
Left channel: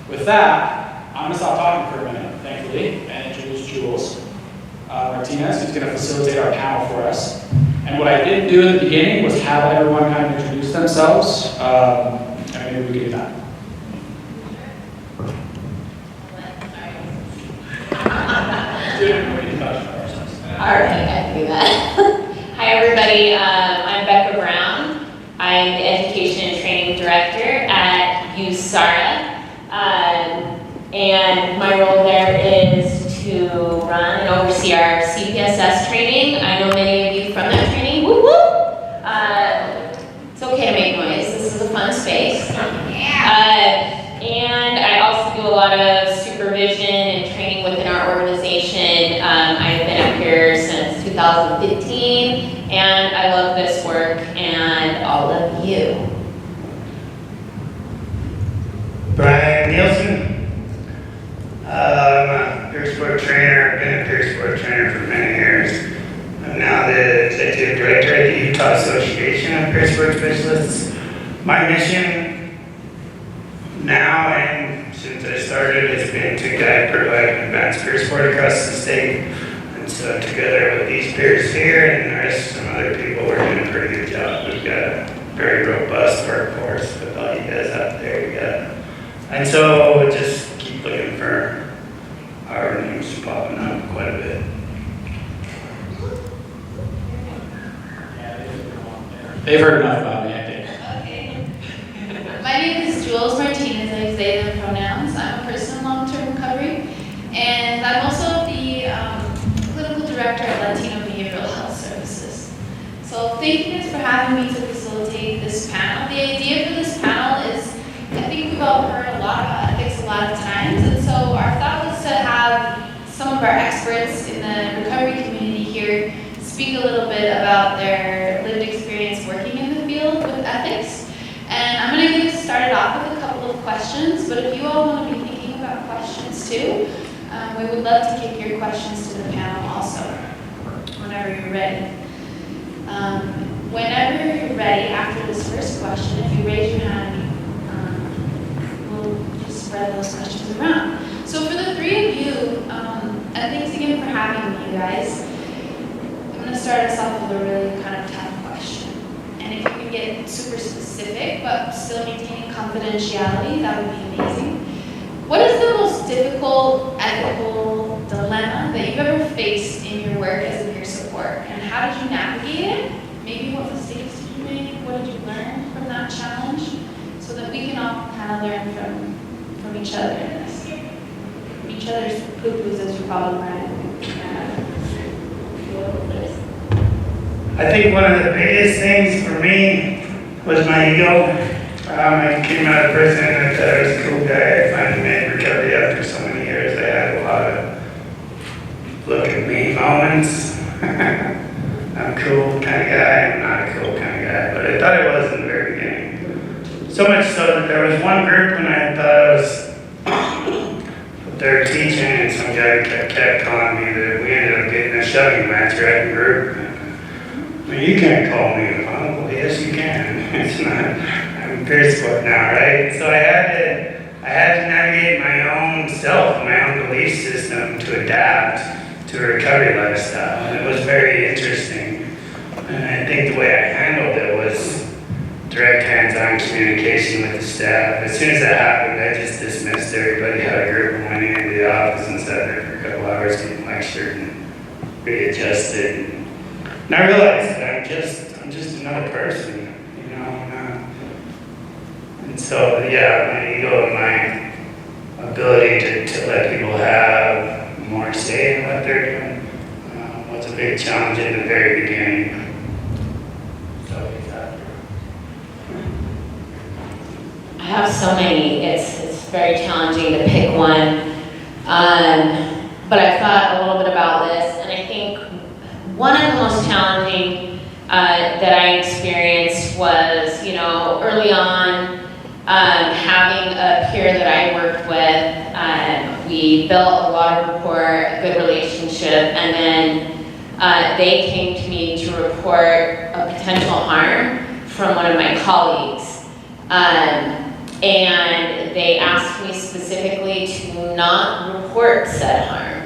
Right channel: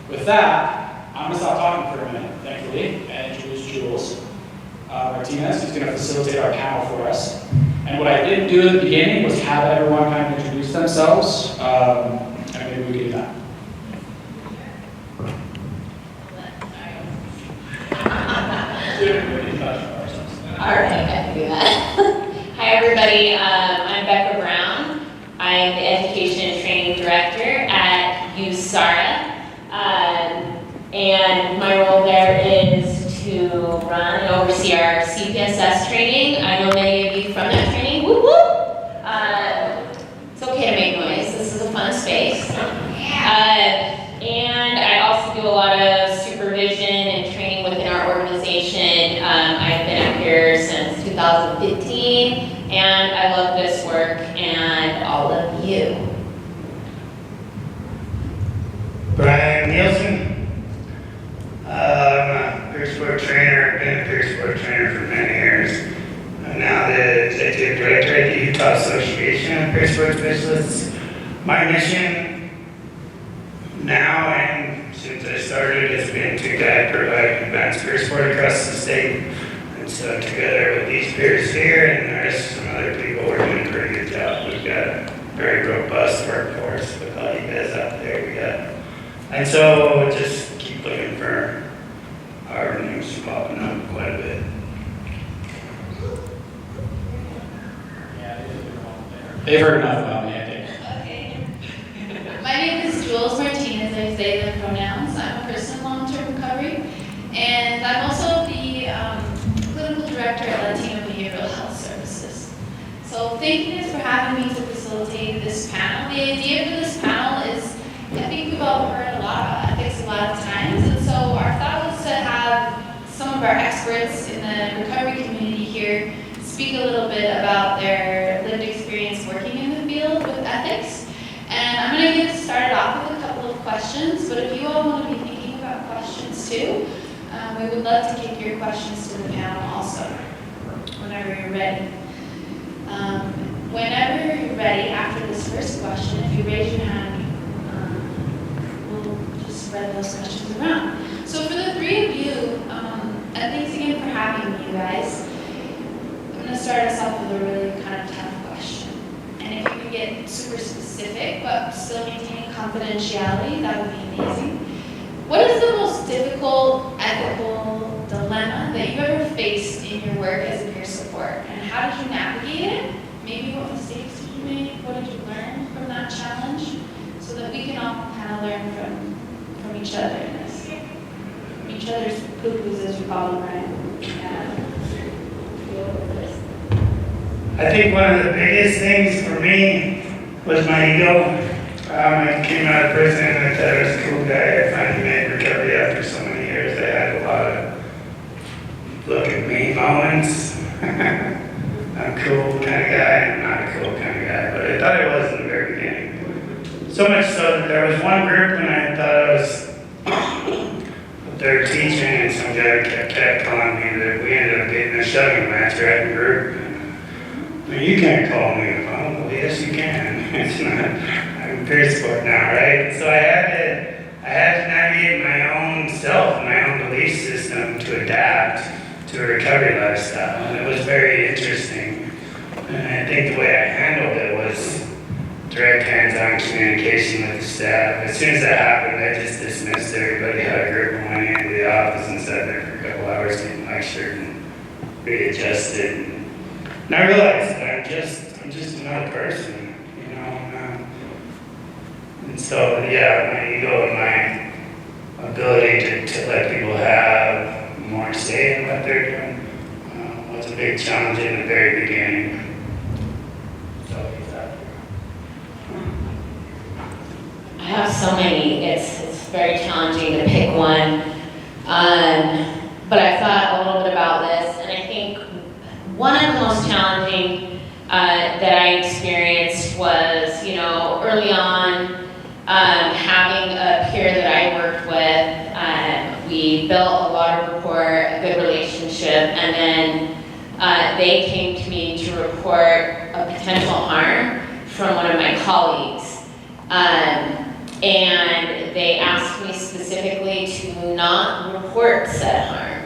With that, I'm going to stop talking for a minute, thankfully, and introduce Jules Martinez, who's going to facilitate our panel for us. And what I didn't do in the beginning was have everyone kind of introduce themselves, and maybe we can do that. All right, I can do that. Hi, everybody. I'm Becca Brown. I'm the Education and Training Director at USARA. And my role there is to run and oversee our CPSS training. I know many of you from that training. Woo woo! It's okay to make noise. This is a fun space. And I also do a lot of supervision and training within our organization. I've been up here since 2015, and I love this work and all of you. Brian Nielsen. I'm a peer sport trainer. I've been a peer sport trainer for many years. I'm now the executive director at the Utah Association of Peer Sport Specialists. My mission now and since I started has been to provide advanced peer sport across the state. And so together with these peers here and the rest of some other people, we're doing a pretty good job. We've got a very robust workforce with all you guys out there. And so we'll just keep looking for our names popping up quite a bit. They've heard enough about me, I think. Okay. My name is Jules Martinez. I use they, them pronouns. I'm a person in long-term recovery, and I'm also the clinical director at Latino Behavioral Health Services. So thank you guys for having me to facilitate this panel. The idea for this panel is, I think we've all heard a lot about ethics a lot of times, and so our thought was to have some of our experts in the recovery community here speak a little bit about their lived experience working in the field with ethics. And I'm going to get started off with a couple of questions, but if you all want to be thinking about questions too, we would love to kick your questions to the panel also, whenever you're ready. Whenever you're ready, after this first question, if you raise your hand start us off with a really kind of tough question. And if you could get super specific, but still maintaining confidentiality, that would be amazing. What is the most difficult ethical dilemma that you've ever faced in your work as a peer support? And how did you navigate it? Maybe what mistakes did you make? What did you learn from that challenge? So that we can all kind of learn from each other in this. From each other's poo-poos, as you call them, right? I think one of the biggest things for me was my ego. I came out of prison, I thought I was a cool guy. I finally made recovery after so many years. I had a lot of look at me moments. I'm a cool kind of guy, I'm not a cool kind of guy, but I thought I was in the very beginning. So much so that there was one group when I thought I was up there teaching, and some guy kept calling me that we ended up getting a shoving match right in the group. I mean, you can't call me a punk. Well, yes, you can. It's not. I'm a peer support now, right? So I had to navigate my own self, my own belief system to adapt to a recovery lifestyle, and it was very interesting. And I think the way I handled it was direct hands-on communication with the staff. As soon as that happened, I just dismissed everybody out of group and went into the office and sat there for a couple hours getting lectured and readjusted. And I realized that I'm just another person, you know. And so, yeah, my ego and my ability to let people have more say in what they're doing was a big challenge in the very beginning. So, I have so many. It's very challenging to pick one. But I thought a little bit about this, and I think one of the most challenging that I experienced was, early on, having a peer that I worked with. We built a lot of rapport, a good relationship, and then they came to me to report a potential harm from one of my colleagues. And they asked me specifically to not report said harm.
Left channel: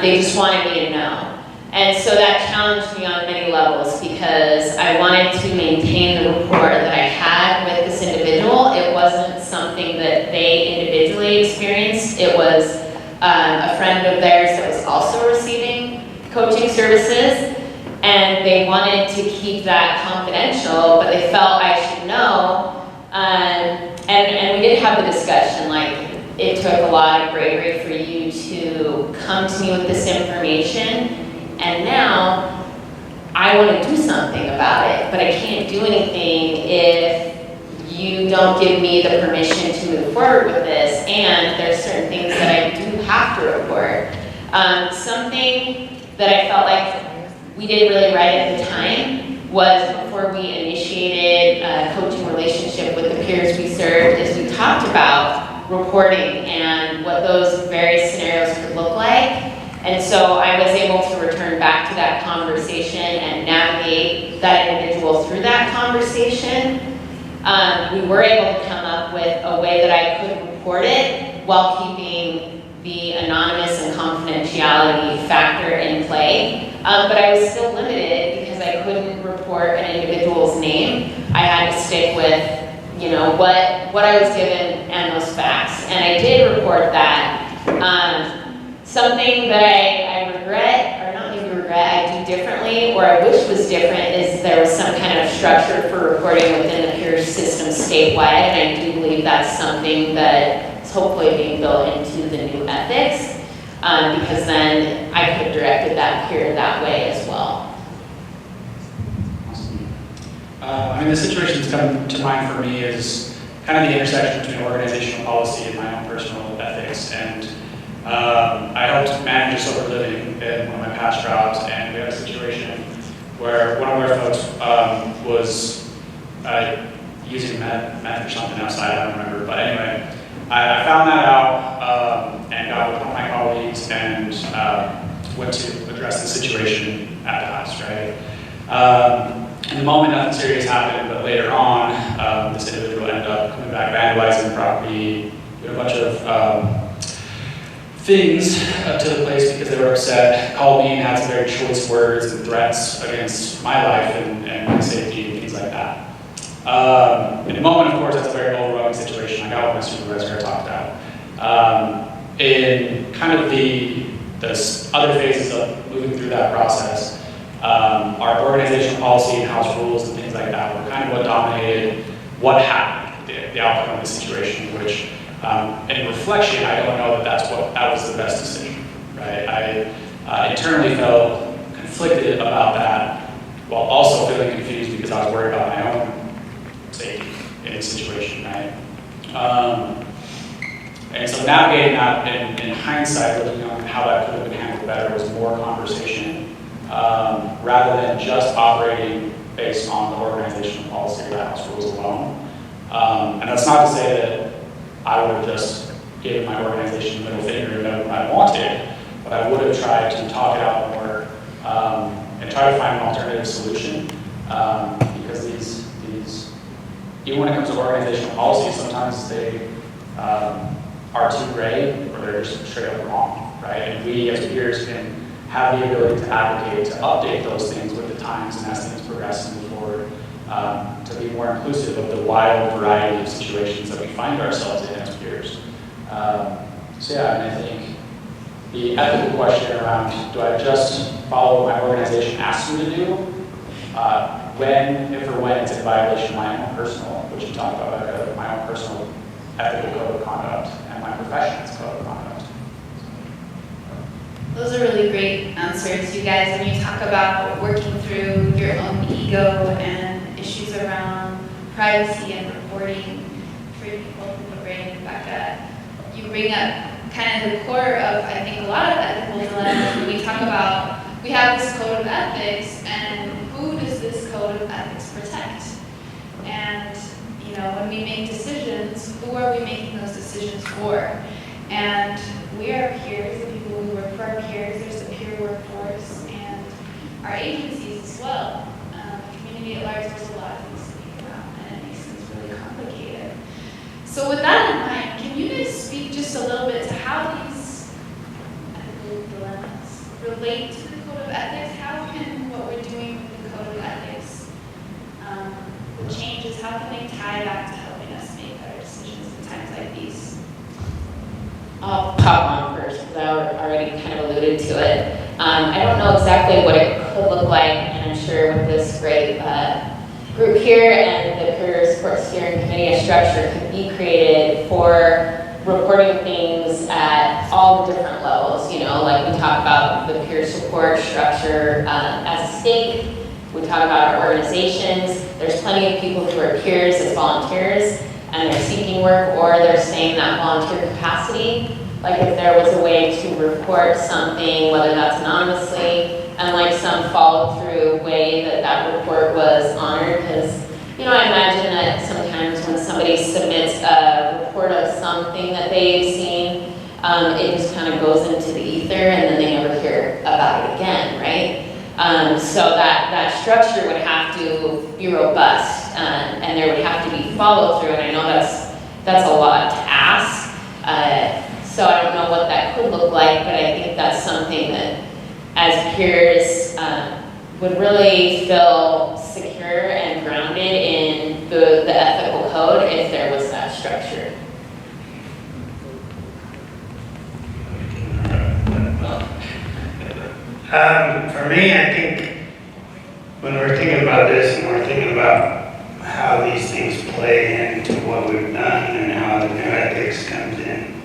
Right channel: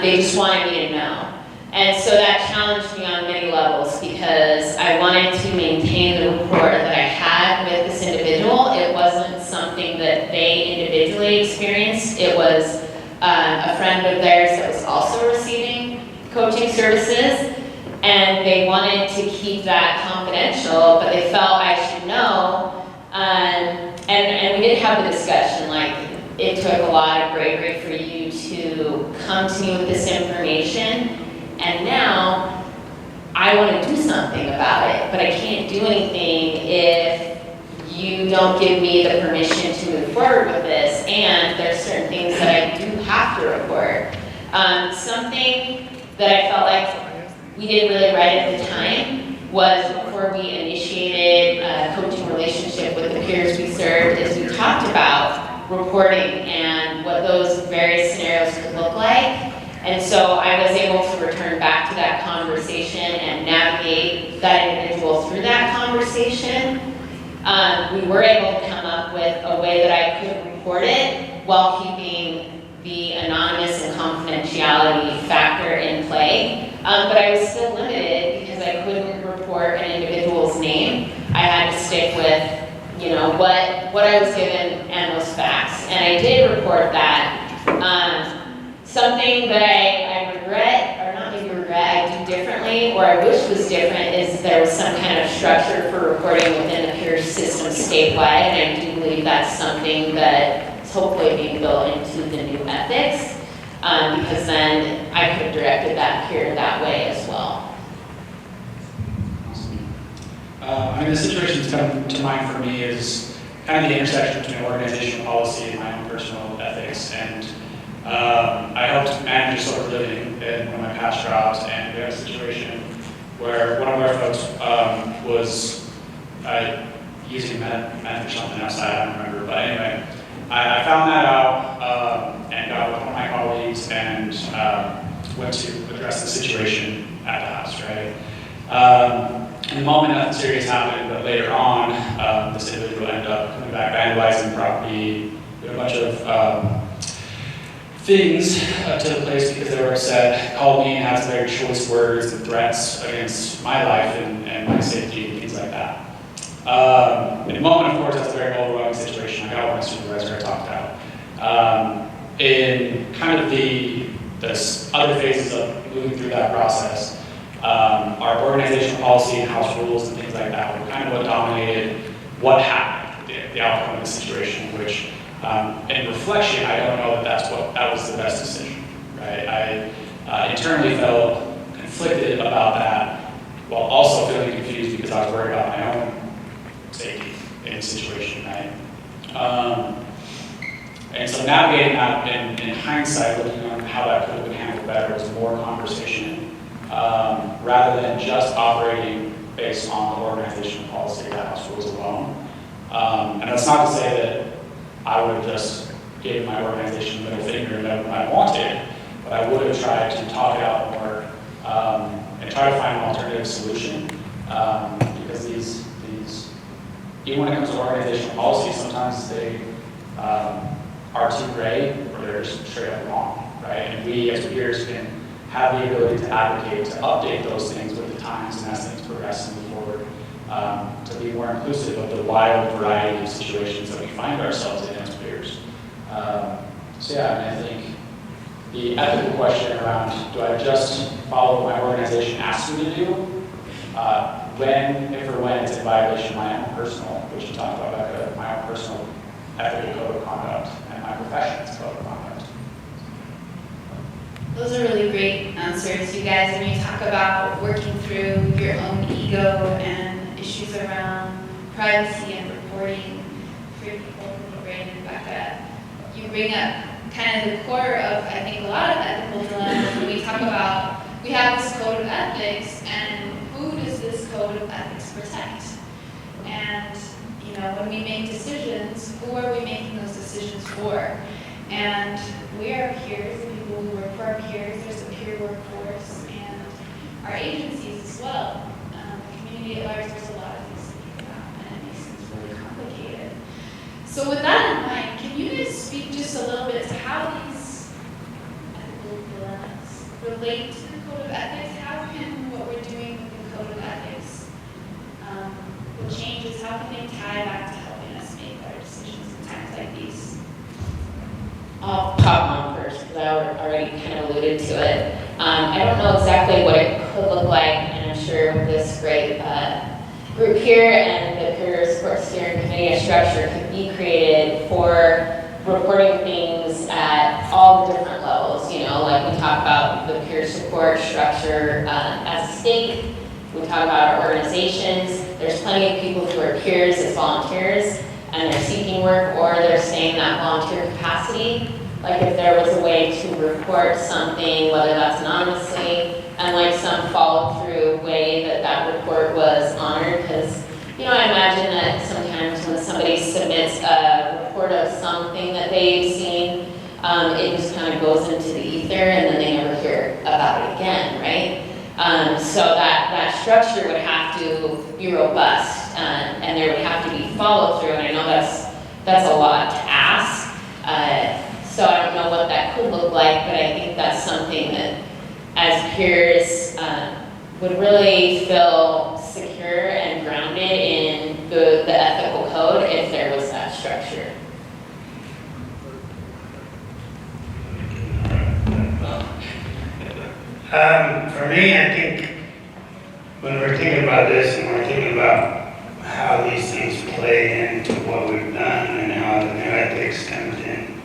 They just wanted me to know. And so that challenged me on many levels because I wanted to maintain the rapport that I had with this individual. It wasn't something that they individually experienced. It was a friend of theirs that was also receiving coaching services, and they wanted to keep that confidential, but they felt I should know. And we did have the discussion, like, it took a lot of bravery for you to come to me with this information, and now I want to do something about it, but I can't do anything if you don't give me the permission to move forward with this, and there's certain things that I do have to report. Something that I felt like we did really right at the time was before we initiated a coaching relationship with the peers we served, is we talked about reporting and what those various scenarios could look like. And so I was able to return back to that conversation and navigate that individual through that conversation. We were able to come up with a way that I could report it while keeping the anonymous and confidentiality factor in play. But I was still limited because I couldn't report an individual's name. I had to stick with, what I was given and those facts. And I did report that. Something that I regret, or not maybe regret, I do differently, or I wish was different, is there was some kind of structure for reporting within the peer system statewide, and I do believe that's something that is hopefully being built into the new ethics, because then I could have directed that peer that way as well. Awesome. The situation that's come to mind for me is kind of the intersection between organizational policy and my own personal ethics. And I helped manage a sober living in one of my past jobs, and we had a situation where one of our folks was using meth or something outside, I don't remember. But anyway, I found that out and got with one of my colleagues and went to address the situation at the house, right? In the moment, nothing serious happened, but later on, this individual ended up coming back, vandalizing the property, doing a bunch of things to the place because they were upset, called me and had some very choice words and threats against my life and my safety and things like that. In the moment, of course, that's a very overwhelming situation. I got what my supervisor had talked about. In kind of the other phases of moving through that process, our organizational policy and house rules and things like that were kind of what dominated what happened, the outcome of the situation, which in reflection, I don't know that was the best decision, right? I internally felt conflicted about that while also feeling confused because I was worried about my own safety in the situation, right? And so navigating that in hindsight, looking on how that could have been handled better was more conversation rather than just operating based on the organizational policy or the house rules alone. And that's not to say that I would have just given my organization the middle finger and done what I wanted, but I would have tried to talk it out more and try to find an alternative solution because these even when it comes to organizational policy, sometimes they are too gray or they're just straight up wrong, right? And we as peers can have the ability to advocate, to update those things with the times and as things progress and move forward, to be more inclusive of the wide variety of situations that we find ourselves in as peers. So yeah, and I think the ethical question around, do I just follow what my organization asks me to do? If or when it's in violation of my own personal, which you talked about, my own personal ethical code of conduct and my profession's code of conduct. Those are really great answers, you guys. When you talk about working through your own ego and issues around privacy and reporting for people who Brayden and Rebecca, you bring up kind of the core of, I think, a lot of ethical dilemmas. When we talk about, we have this code of ethics, and who does this code of ethics protect? And, you know, when we make decisions, who are we making those decisions for? And we are peers, the people who work for our peers, there's a peer workforce, and our agencies as well. The community at large, there's a lot of things to think about, and it makes things really complicated. So with that in mind, can you guys speak just a little bit to how these ethical dilemmas relate to the code of ethics? How can what we're doing with the code of ethics, the changes, how can they tie back to helping us make better decisions in times like these? I'll pop on first because I already kind of alluded to it. I don't know exactly what it could look like, and I'm sure with this great group here and the Peer Support Steering Committee, a structure could be created for reporting things at all the different levels. You know, like we talk about the peer support structure as a state. We talk about our organizations. There's plenty of people who are peers as volunteers, and they're seeking work or they're staying in that volunteer capacity. Like if there was a way to report something, whether that's anonymously, and like some follow through way that report was honored, because you know, I imagine that sometimes when somebody submits a report of something that they've seen, it just kind of goes into the ether and then they never hear about it again, right? So that structure would have to be robust, and there would have to be follow through, and I know that's a lot to ask. So I don't know what that could look like, but I think that's something that as peers would really feel secure and grounded in the ethical code if there was that structure. For me, I think when we're thinking about this and we're thinking about how these things play into what we've done and how the new ethics comes in,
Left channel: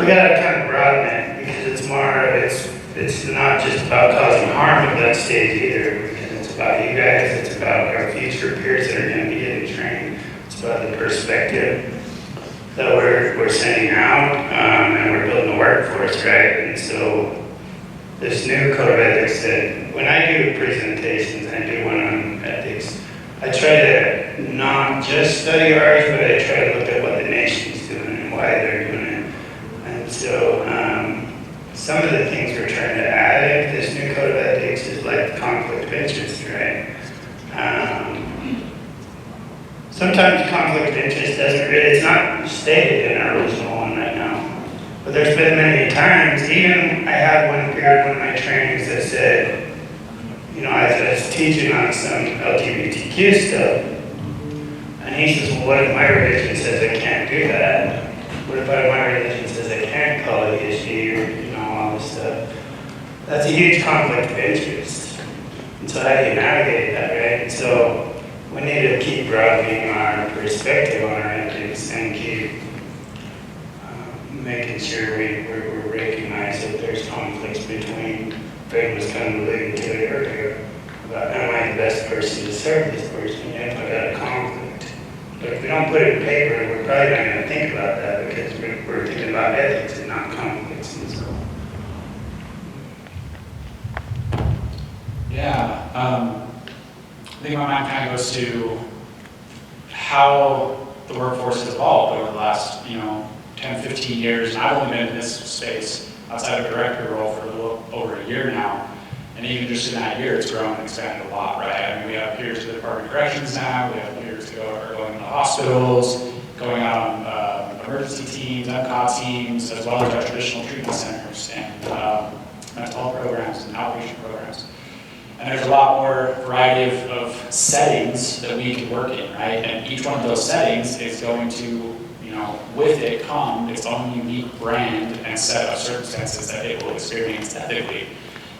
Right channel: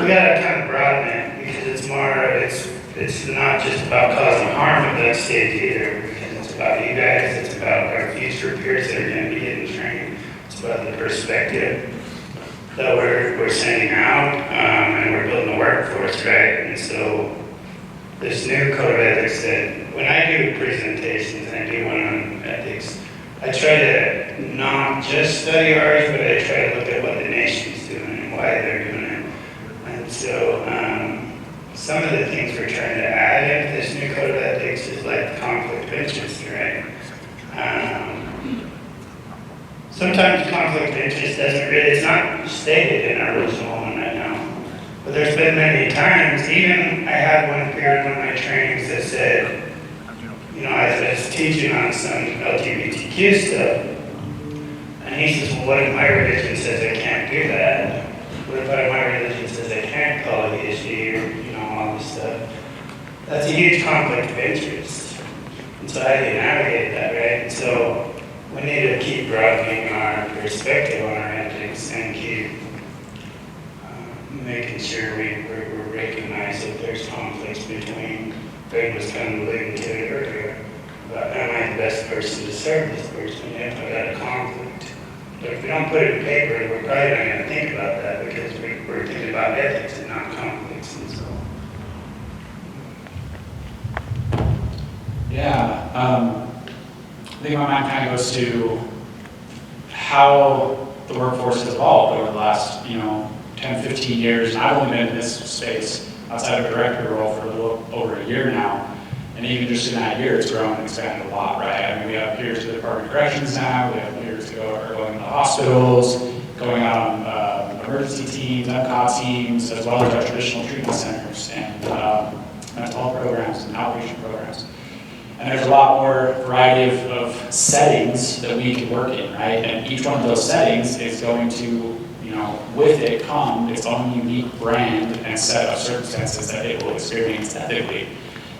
we gotta kind of broaden it because it's not just about causing harm at that stage either, because it's about you guys, it's about our future peers that are going to be getting trained, it's about the perspective that we're sending out, and we're building a workforce, right? And so this new code of ethics that when I do presentations, I do one on ethics, I try to not just study ours, but I try to look at what the nation's doing and why they're doing it. And so some of the things we're trying to add into this new code of ethics is like conflict of interest, right? Sometimes conflict of interest it's not stated in our original one right now, but But there's been many times, even I had one period, one of my trainings that said, you know, I was teaching on some LGBTQ stuff, and he says, well, what if my religion says I can't do that? What if my religion says I can't call it a she, or, you know, all this stuff? That's a huge conflict of interest. And so how do you navigate that, right? And so we need to keep broadening our perspective on our ethics and keep making sure we recognize that there's conflicts between. Brayden was kind of alluding to it earlier about, am I the best person to serve this person? If I got a conflict. But if we don't put it in paper, we're probably not going to think about that because we're thinking about ethics and not conflicts. And so. Yeah, I think my mind kind of goes to how the workforce has evolved over the last, 10, 15 years. And I've only been in this space outside of a director role for a little over a year now. And even just in that year, it's grown and expanded a lot, right? I mean, we have peers to the Department of Corrections now, we have peers who are going into hospitals, going out on emergency teams, MCOT teams, as well as our traditional treatment centers and mental health programs and outpatient programs. And there's a lot more variety of settings that we can work in, right? And each one of those settings is going to, with it come its own unique brand and set of circumstances that it will experience ethically.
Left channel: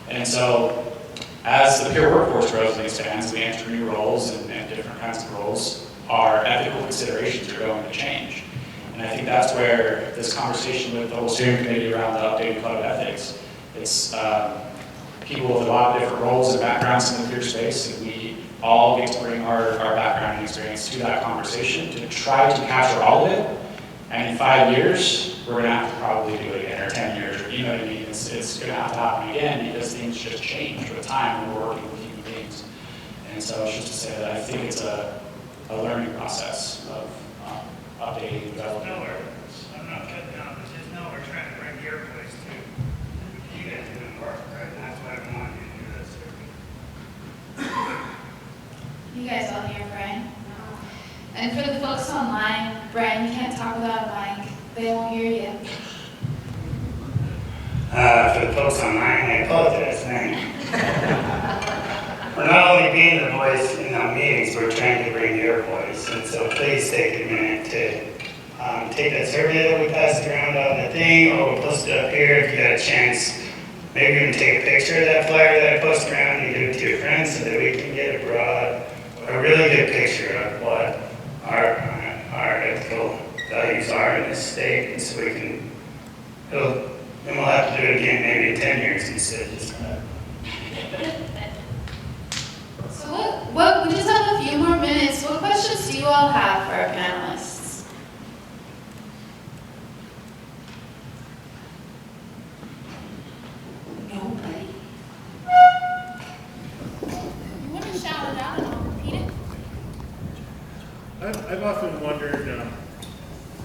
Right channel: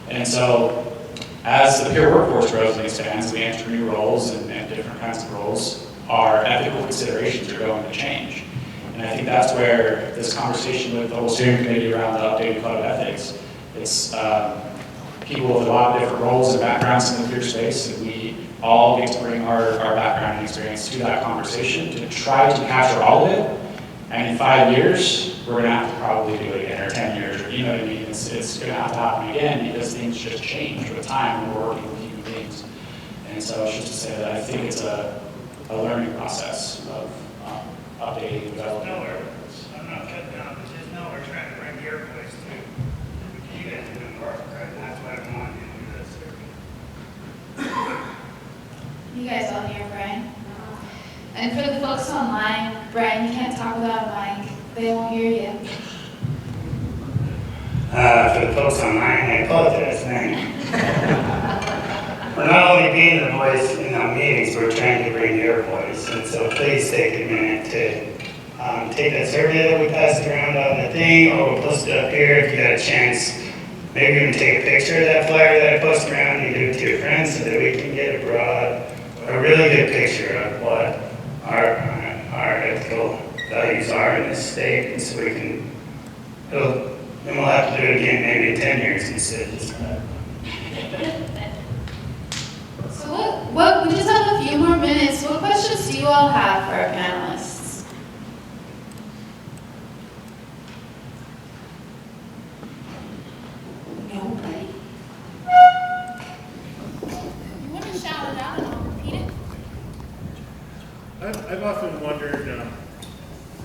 And so, as the peer workforce grows and expands, we enter new roles and different kinds of roles, our ethical considerations are going to change. And I think that's where this conversation with the whole steering committee around the updated code of ethics, it's people with a lot of different roles and backgrounds in the peer space, and we all get to bring our background and experience to that conversation to try to capture all of it. And in 5 years, we're going to have to probably do it again, or 10 years, or you know what I mean? It's going to have to happen again because things just change with time when we're working with human beings. And so it's just to say that I think it's a learning process of updating, developing. I'm not cutting down, but just know we're trying to bring your place too. You guys are doing work, right? And that's why I want you to do this. You guys all hear Brian? And for the folks online, Brian, you can't talk without a mic. They won't hear you. For the folks online, I apologize. We're not only being the voice in our meetings, we're trying to bring your voice. And so please take a minute to take that survey that we passed around on the thing, or we'll post it up here if you got a chance. Maybe even take a picture of that flyer that I post around and give it to your friends so that we can get a really good picture of what our ethical values are in this state, and so we can, then we'll have to do it again maybe in 10 years instead of just that. So what, we just have a few more minutes. What questions do you all have for our panelists? Nobody? You want to shout it out and I'll repeat it? I've often wondered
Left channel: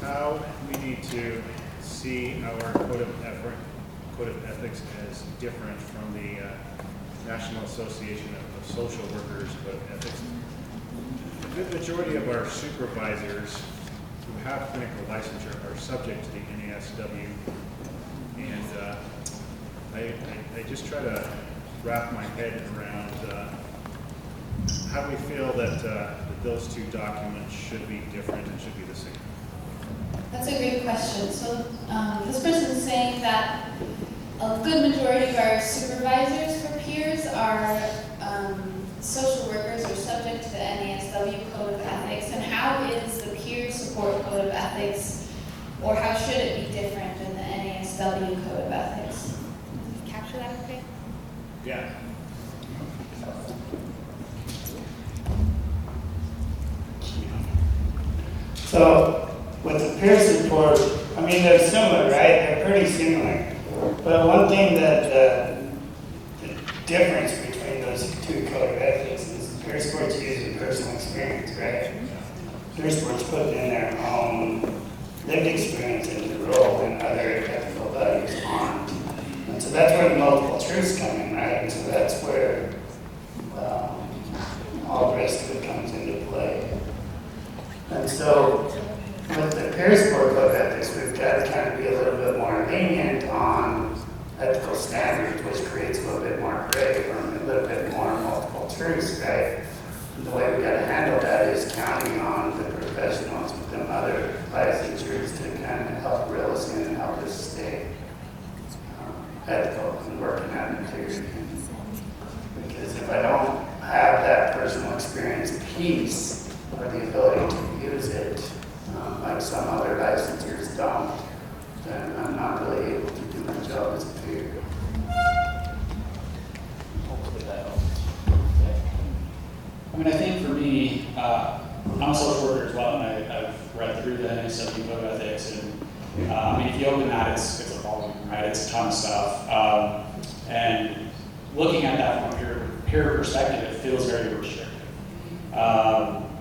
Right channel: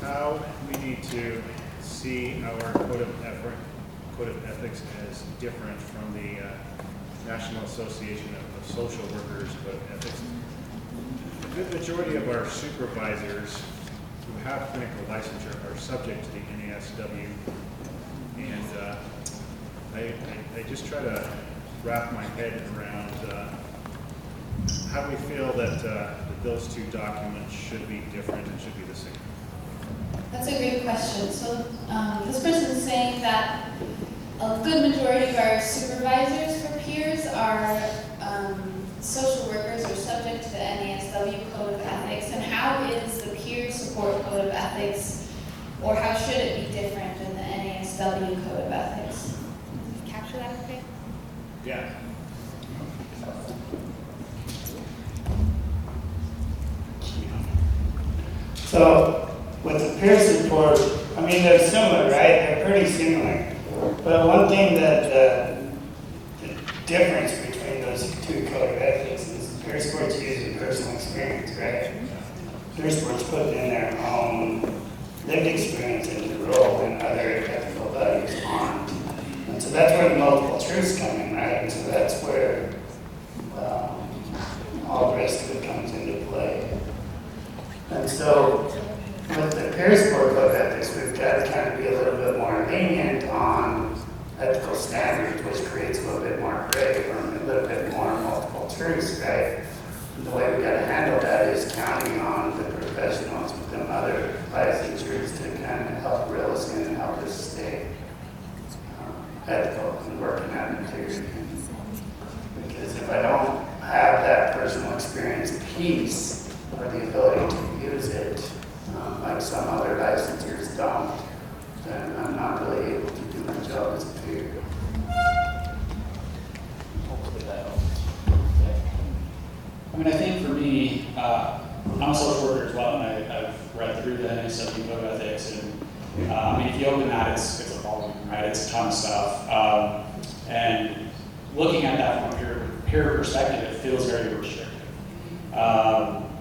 how we need to see our code of ethics as different from the National Association of Social Workers Code of Ethics. A good majority of our supervisors who have clinical licensure are subject to the NASW, and I just try to wrap my head around how we feel that those two documents should be different and should be the same. That's a great question. So this person is saying that a good majority of our supervisors for peers are social workers or subject to the NASW Code of Ethics. And how is the peer support Code of Ethics, or how should it be different than the NASW Code of Ethics? Can you capture that okay? Yeah. So with the peer support, I mean, they're similar, right? They're pretty similar. But one thing that the difference between those two code of ethics is peer support's using personal experience, right? Peer support's putting in their own lived experience into the role, and other ethical values aren't. And so that's where the multiple truths come in, right? And so that's where all the rest of it comes into play. And so with the peer support code of ethics, we've got got to kind of be a little bit more lenient on ethical standards, which creates a little bit more gray or a little bit more multiple truths, right? And the way we got to handle that is counting on the professionals within other licensures to kind of help reel us in and help us stay ethical and working on integrity. Because if I don't have that personal experience piece or the ability to use it, like some other licensors don't, then I'm not really able to do my job as a peer. Hopefully that helps. I mean, I think for me, I'm a social worker as well, and I've read through the NSW Code of Ethics, and I mean, if you open that, it's a volume, right? It's a ton of stuff. And looking at that from a peer perspective, it feels very restrictive.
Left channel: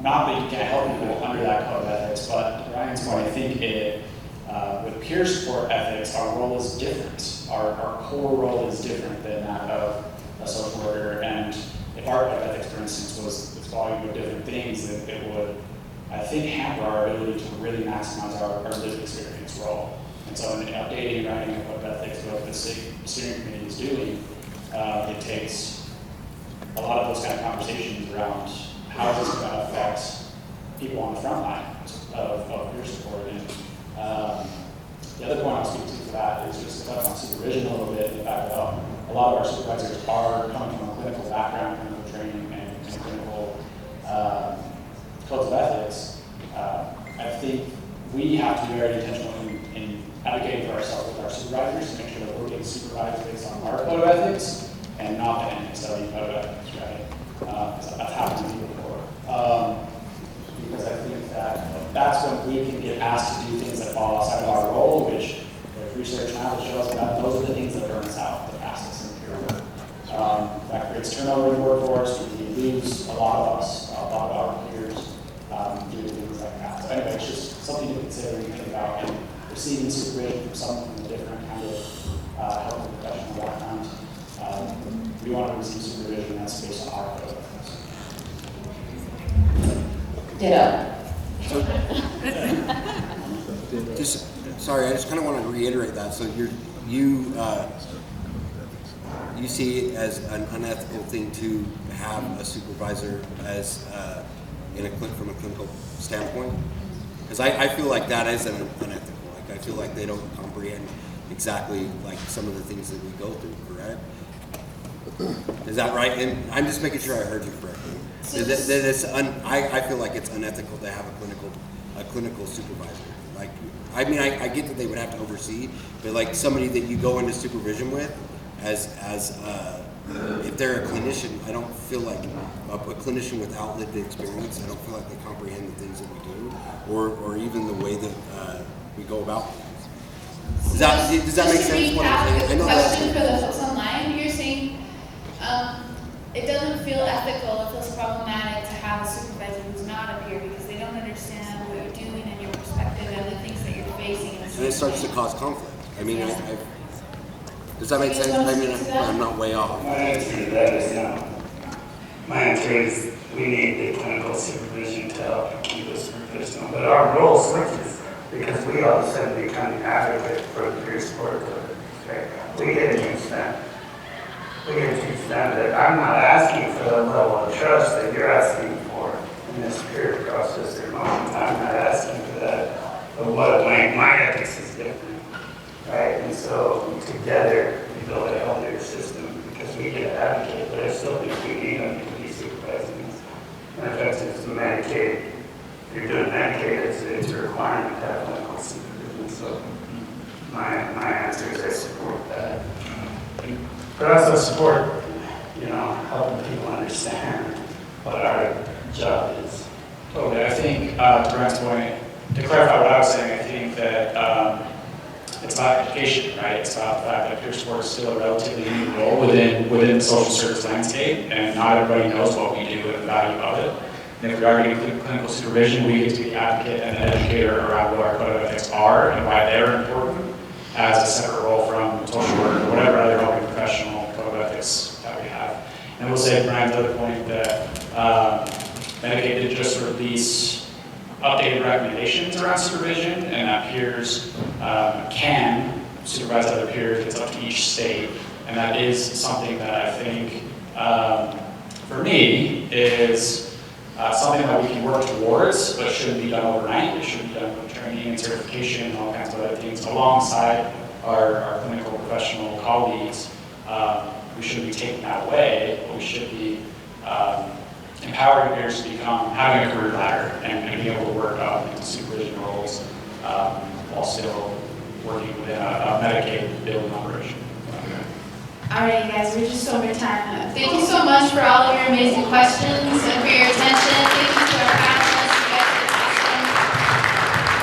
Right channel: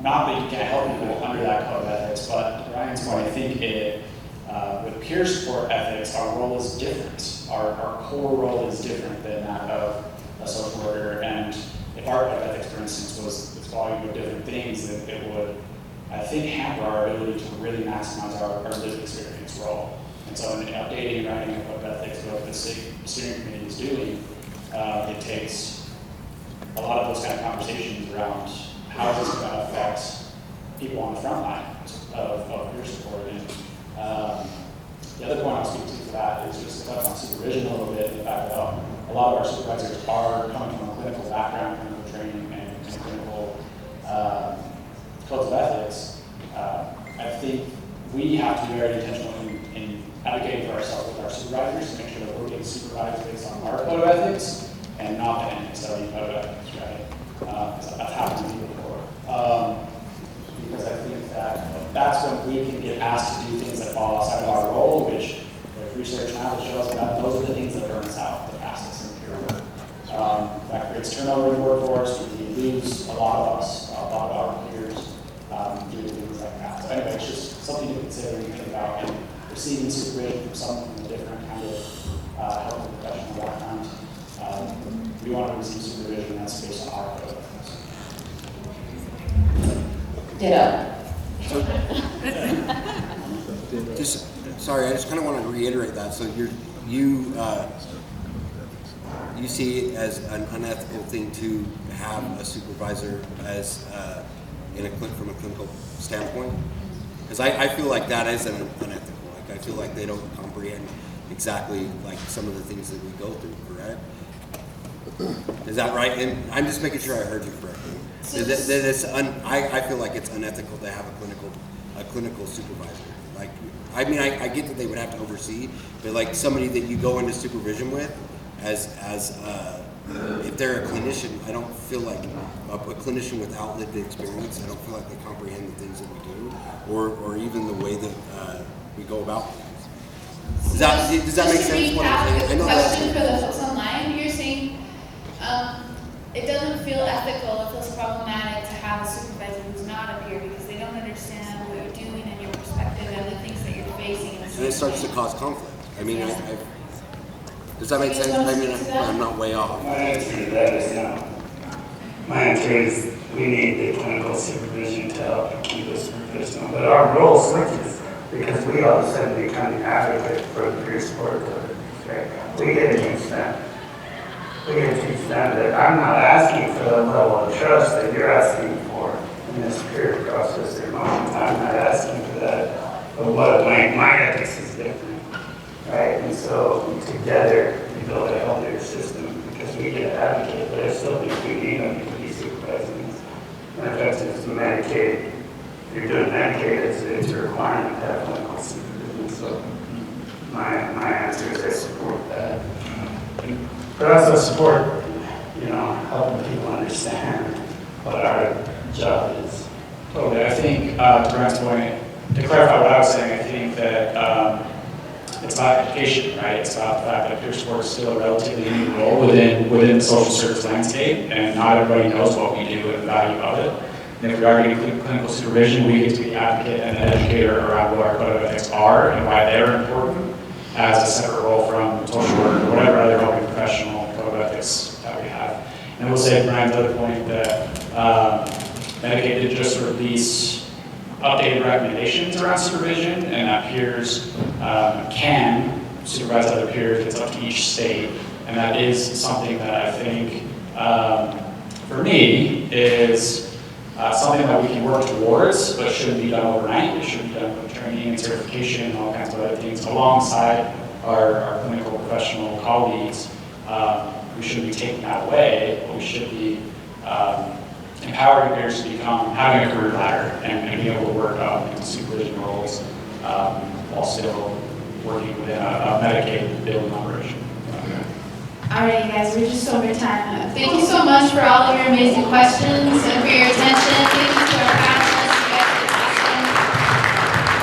Not that you can't help people under that code of ethics, but to Ryan's point, I think with peer support ethics, our role is different. Our core role is different than that of a social worker. And if our code of ethics, for instance, was this volume of different things, it would, I think, hamper our ability to really maximize our lived experience role. And so in updating and writing a code of ethics, what the steering committee is doing, it takes a lot of those kind of conversations around how is this going to affect people on the front line of peer support. And the other point I'll speak to that is just to touch on supervision a little bit, and the fact that a lot of our supervisors are coming from a clinical background, clinical training, and clinical codes of ethics. I think we have to be very intentional in advocating for ourselves with our supervisors to make sure that we're getting supervised based on our code of ethics and not the NSW code of ethics, right? That's happened to me before. Because I think that that's when we can get asked to do things that fall outside of our role, which there's research now that shows that those are the things that burn us out the fastest in peer work. That creates turnover in the workforce. We lose a lot of us, a lot of our peers, due to things like that. So anyway, it's just something to consider when you think about and receiving supervision from someone from a different kind of health and professional background. We want to receive supervision that's based on our code of ethics. Ditto. Sorry, I just kind of want to reiterate that. So you see it as an unethical thing to have a supervisor as from a clinical standpoint? Because I feel like that is unethical. Like I feel like they don't comprehend exactly like some of the things that we go through. Correct? Is that right? And I'm just making sure I heard you correctly. I feel like it's unethical to have a clinical supervisor. Like, I mean, I get that they would have to oversee, but like somebody that you go into supervision with, as if they're a clinician, I don't feel like a clinician without lived experience. I don't feel like they comprehend the things that we do, or even the way that we go about things. Does that make sense? What I'm saying? I know Question for the folks online. You're saying it doesn't feel ethical, it feels problematic to have a supervisor who's not a peer because they don't understand what you're doing and your perspective and the things that you're facing. And it starts to cause conflict. I mean, does that make sense? I mean, I'm not way off. My answer to that is no. My answer is we need the clinical supervision to help keep us professional, but our role switches because we all of a sudden become the advocate for the peer support. Okay? We get to teach them. We get to teach them that I'm not asking for the level of trust that you're asking for in this peer process or moment. I'm not asking for that. But what my ethics is different, right? And so together we build a healthier system because we get to advocate, but I still think we need them to be supervising. And in fact, it's Medicaid. If you're doing Medicaid, it's a requirement to have clinical supervision. So my answer is I support that. But also support, helping people understand what our job is. Totally. I think, to Brian's point, to clarify what I was saying, I think that it's about education, right? It's about the fact that peer support is still a relatively new role within the social service landscape, and not everybody knows what we do and the value of it. And if we are getting clinical supervision, we get to be the advocate and an educator around what our code of ethics are and why they're important as a separate role from social work or whatever other helping professional code of ethics that we have. And I will say, Brian's other point that Medicaid did just release updated recommendations around supervision, and that peers can supervise other peers. It's up to each state, and that is something that I think, for me, is something that we can work towards, but shouldn't be done overnight. It should be done with training and certification and all kinds of other things alongside our clinical professional colleagues. We shouldn't be taking that away, but we should be empowering peers to become, having a career ladder and being able to work up into supervision roles while still working within a Medicaid building operation. Alright, guys, we're just over time. Thank you so much for all of your amazing questions and for your attention. Thank you to our panelists. You guys are awesome.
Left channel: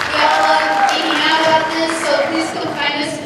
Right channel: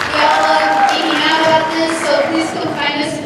We all love geeking out about this, so please come find us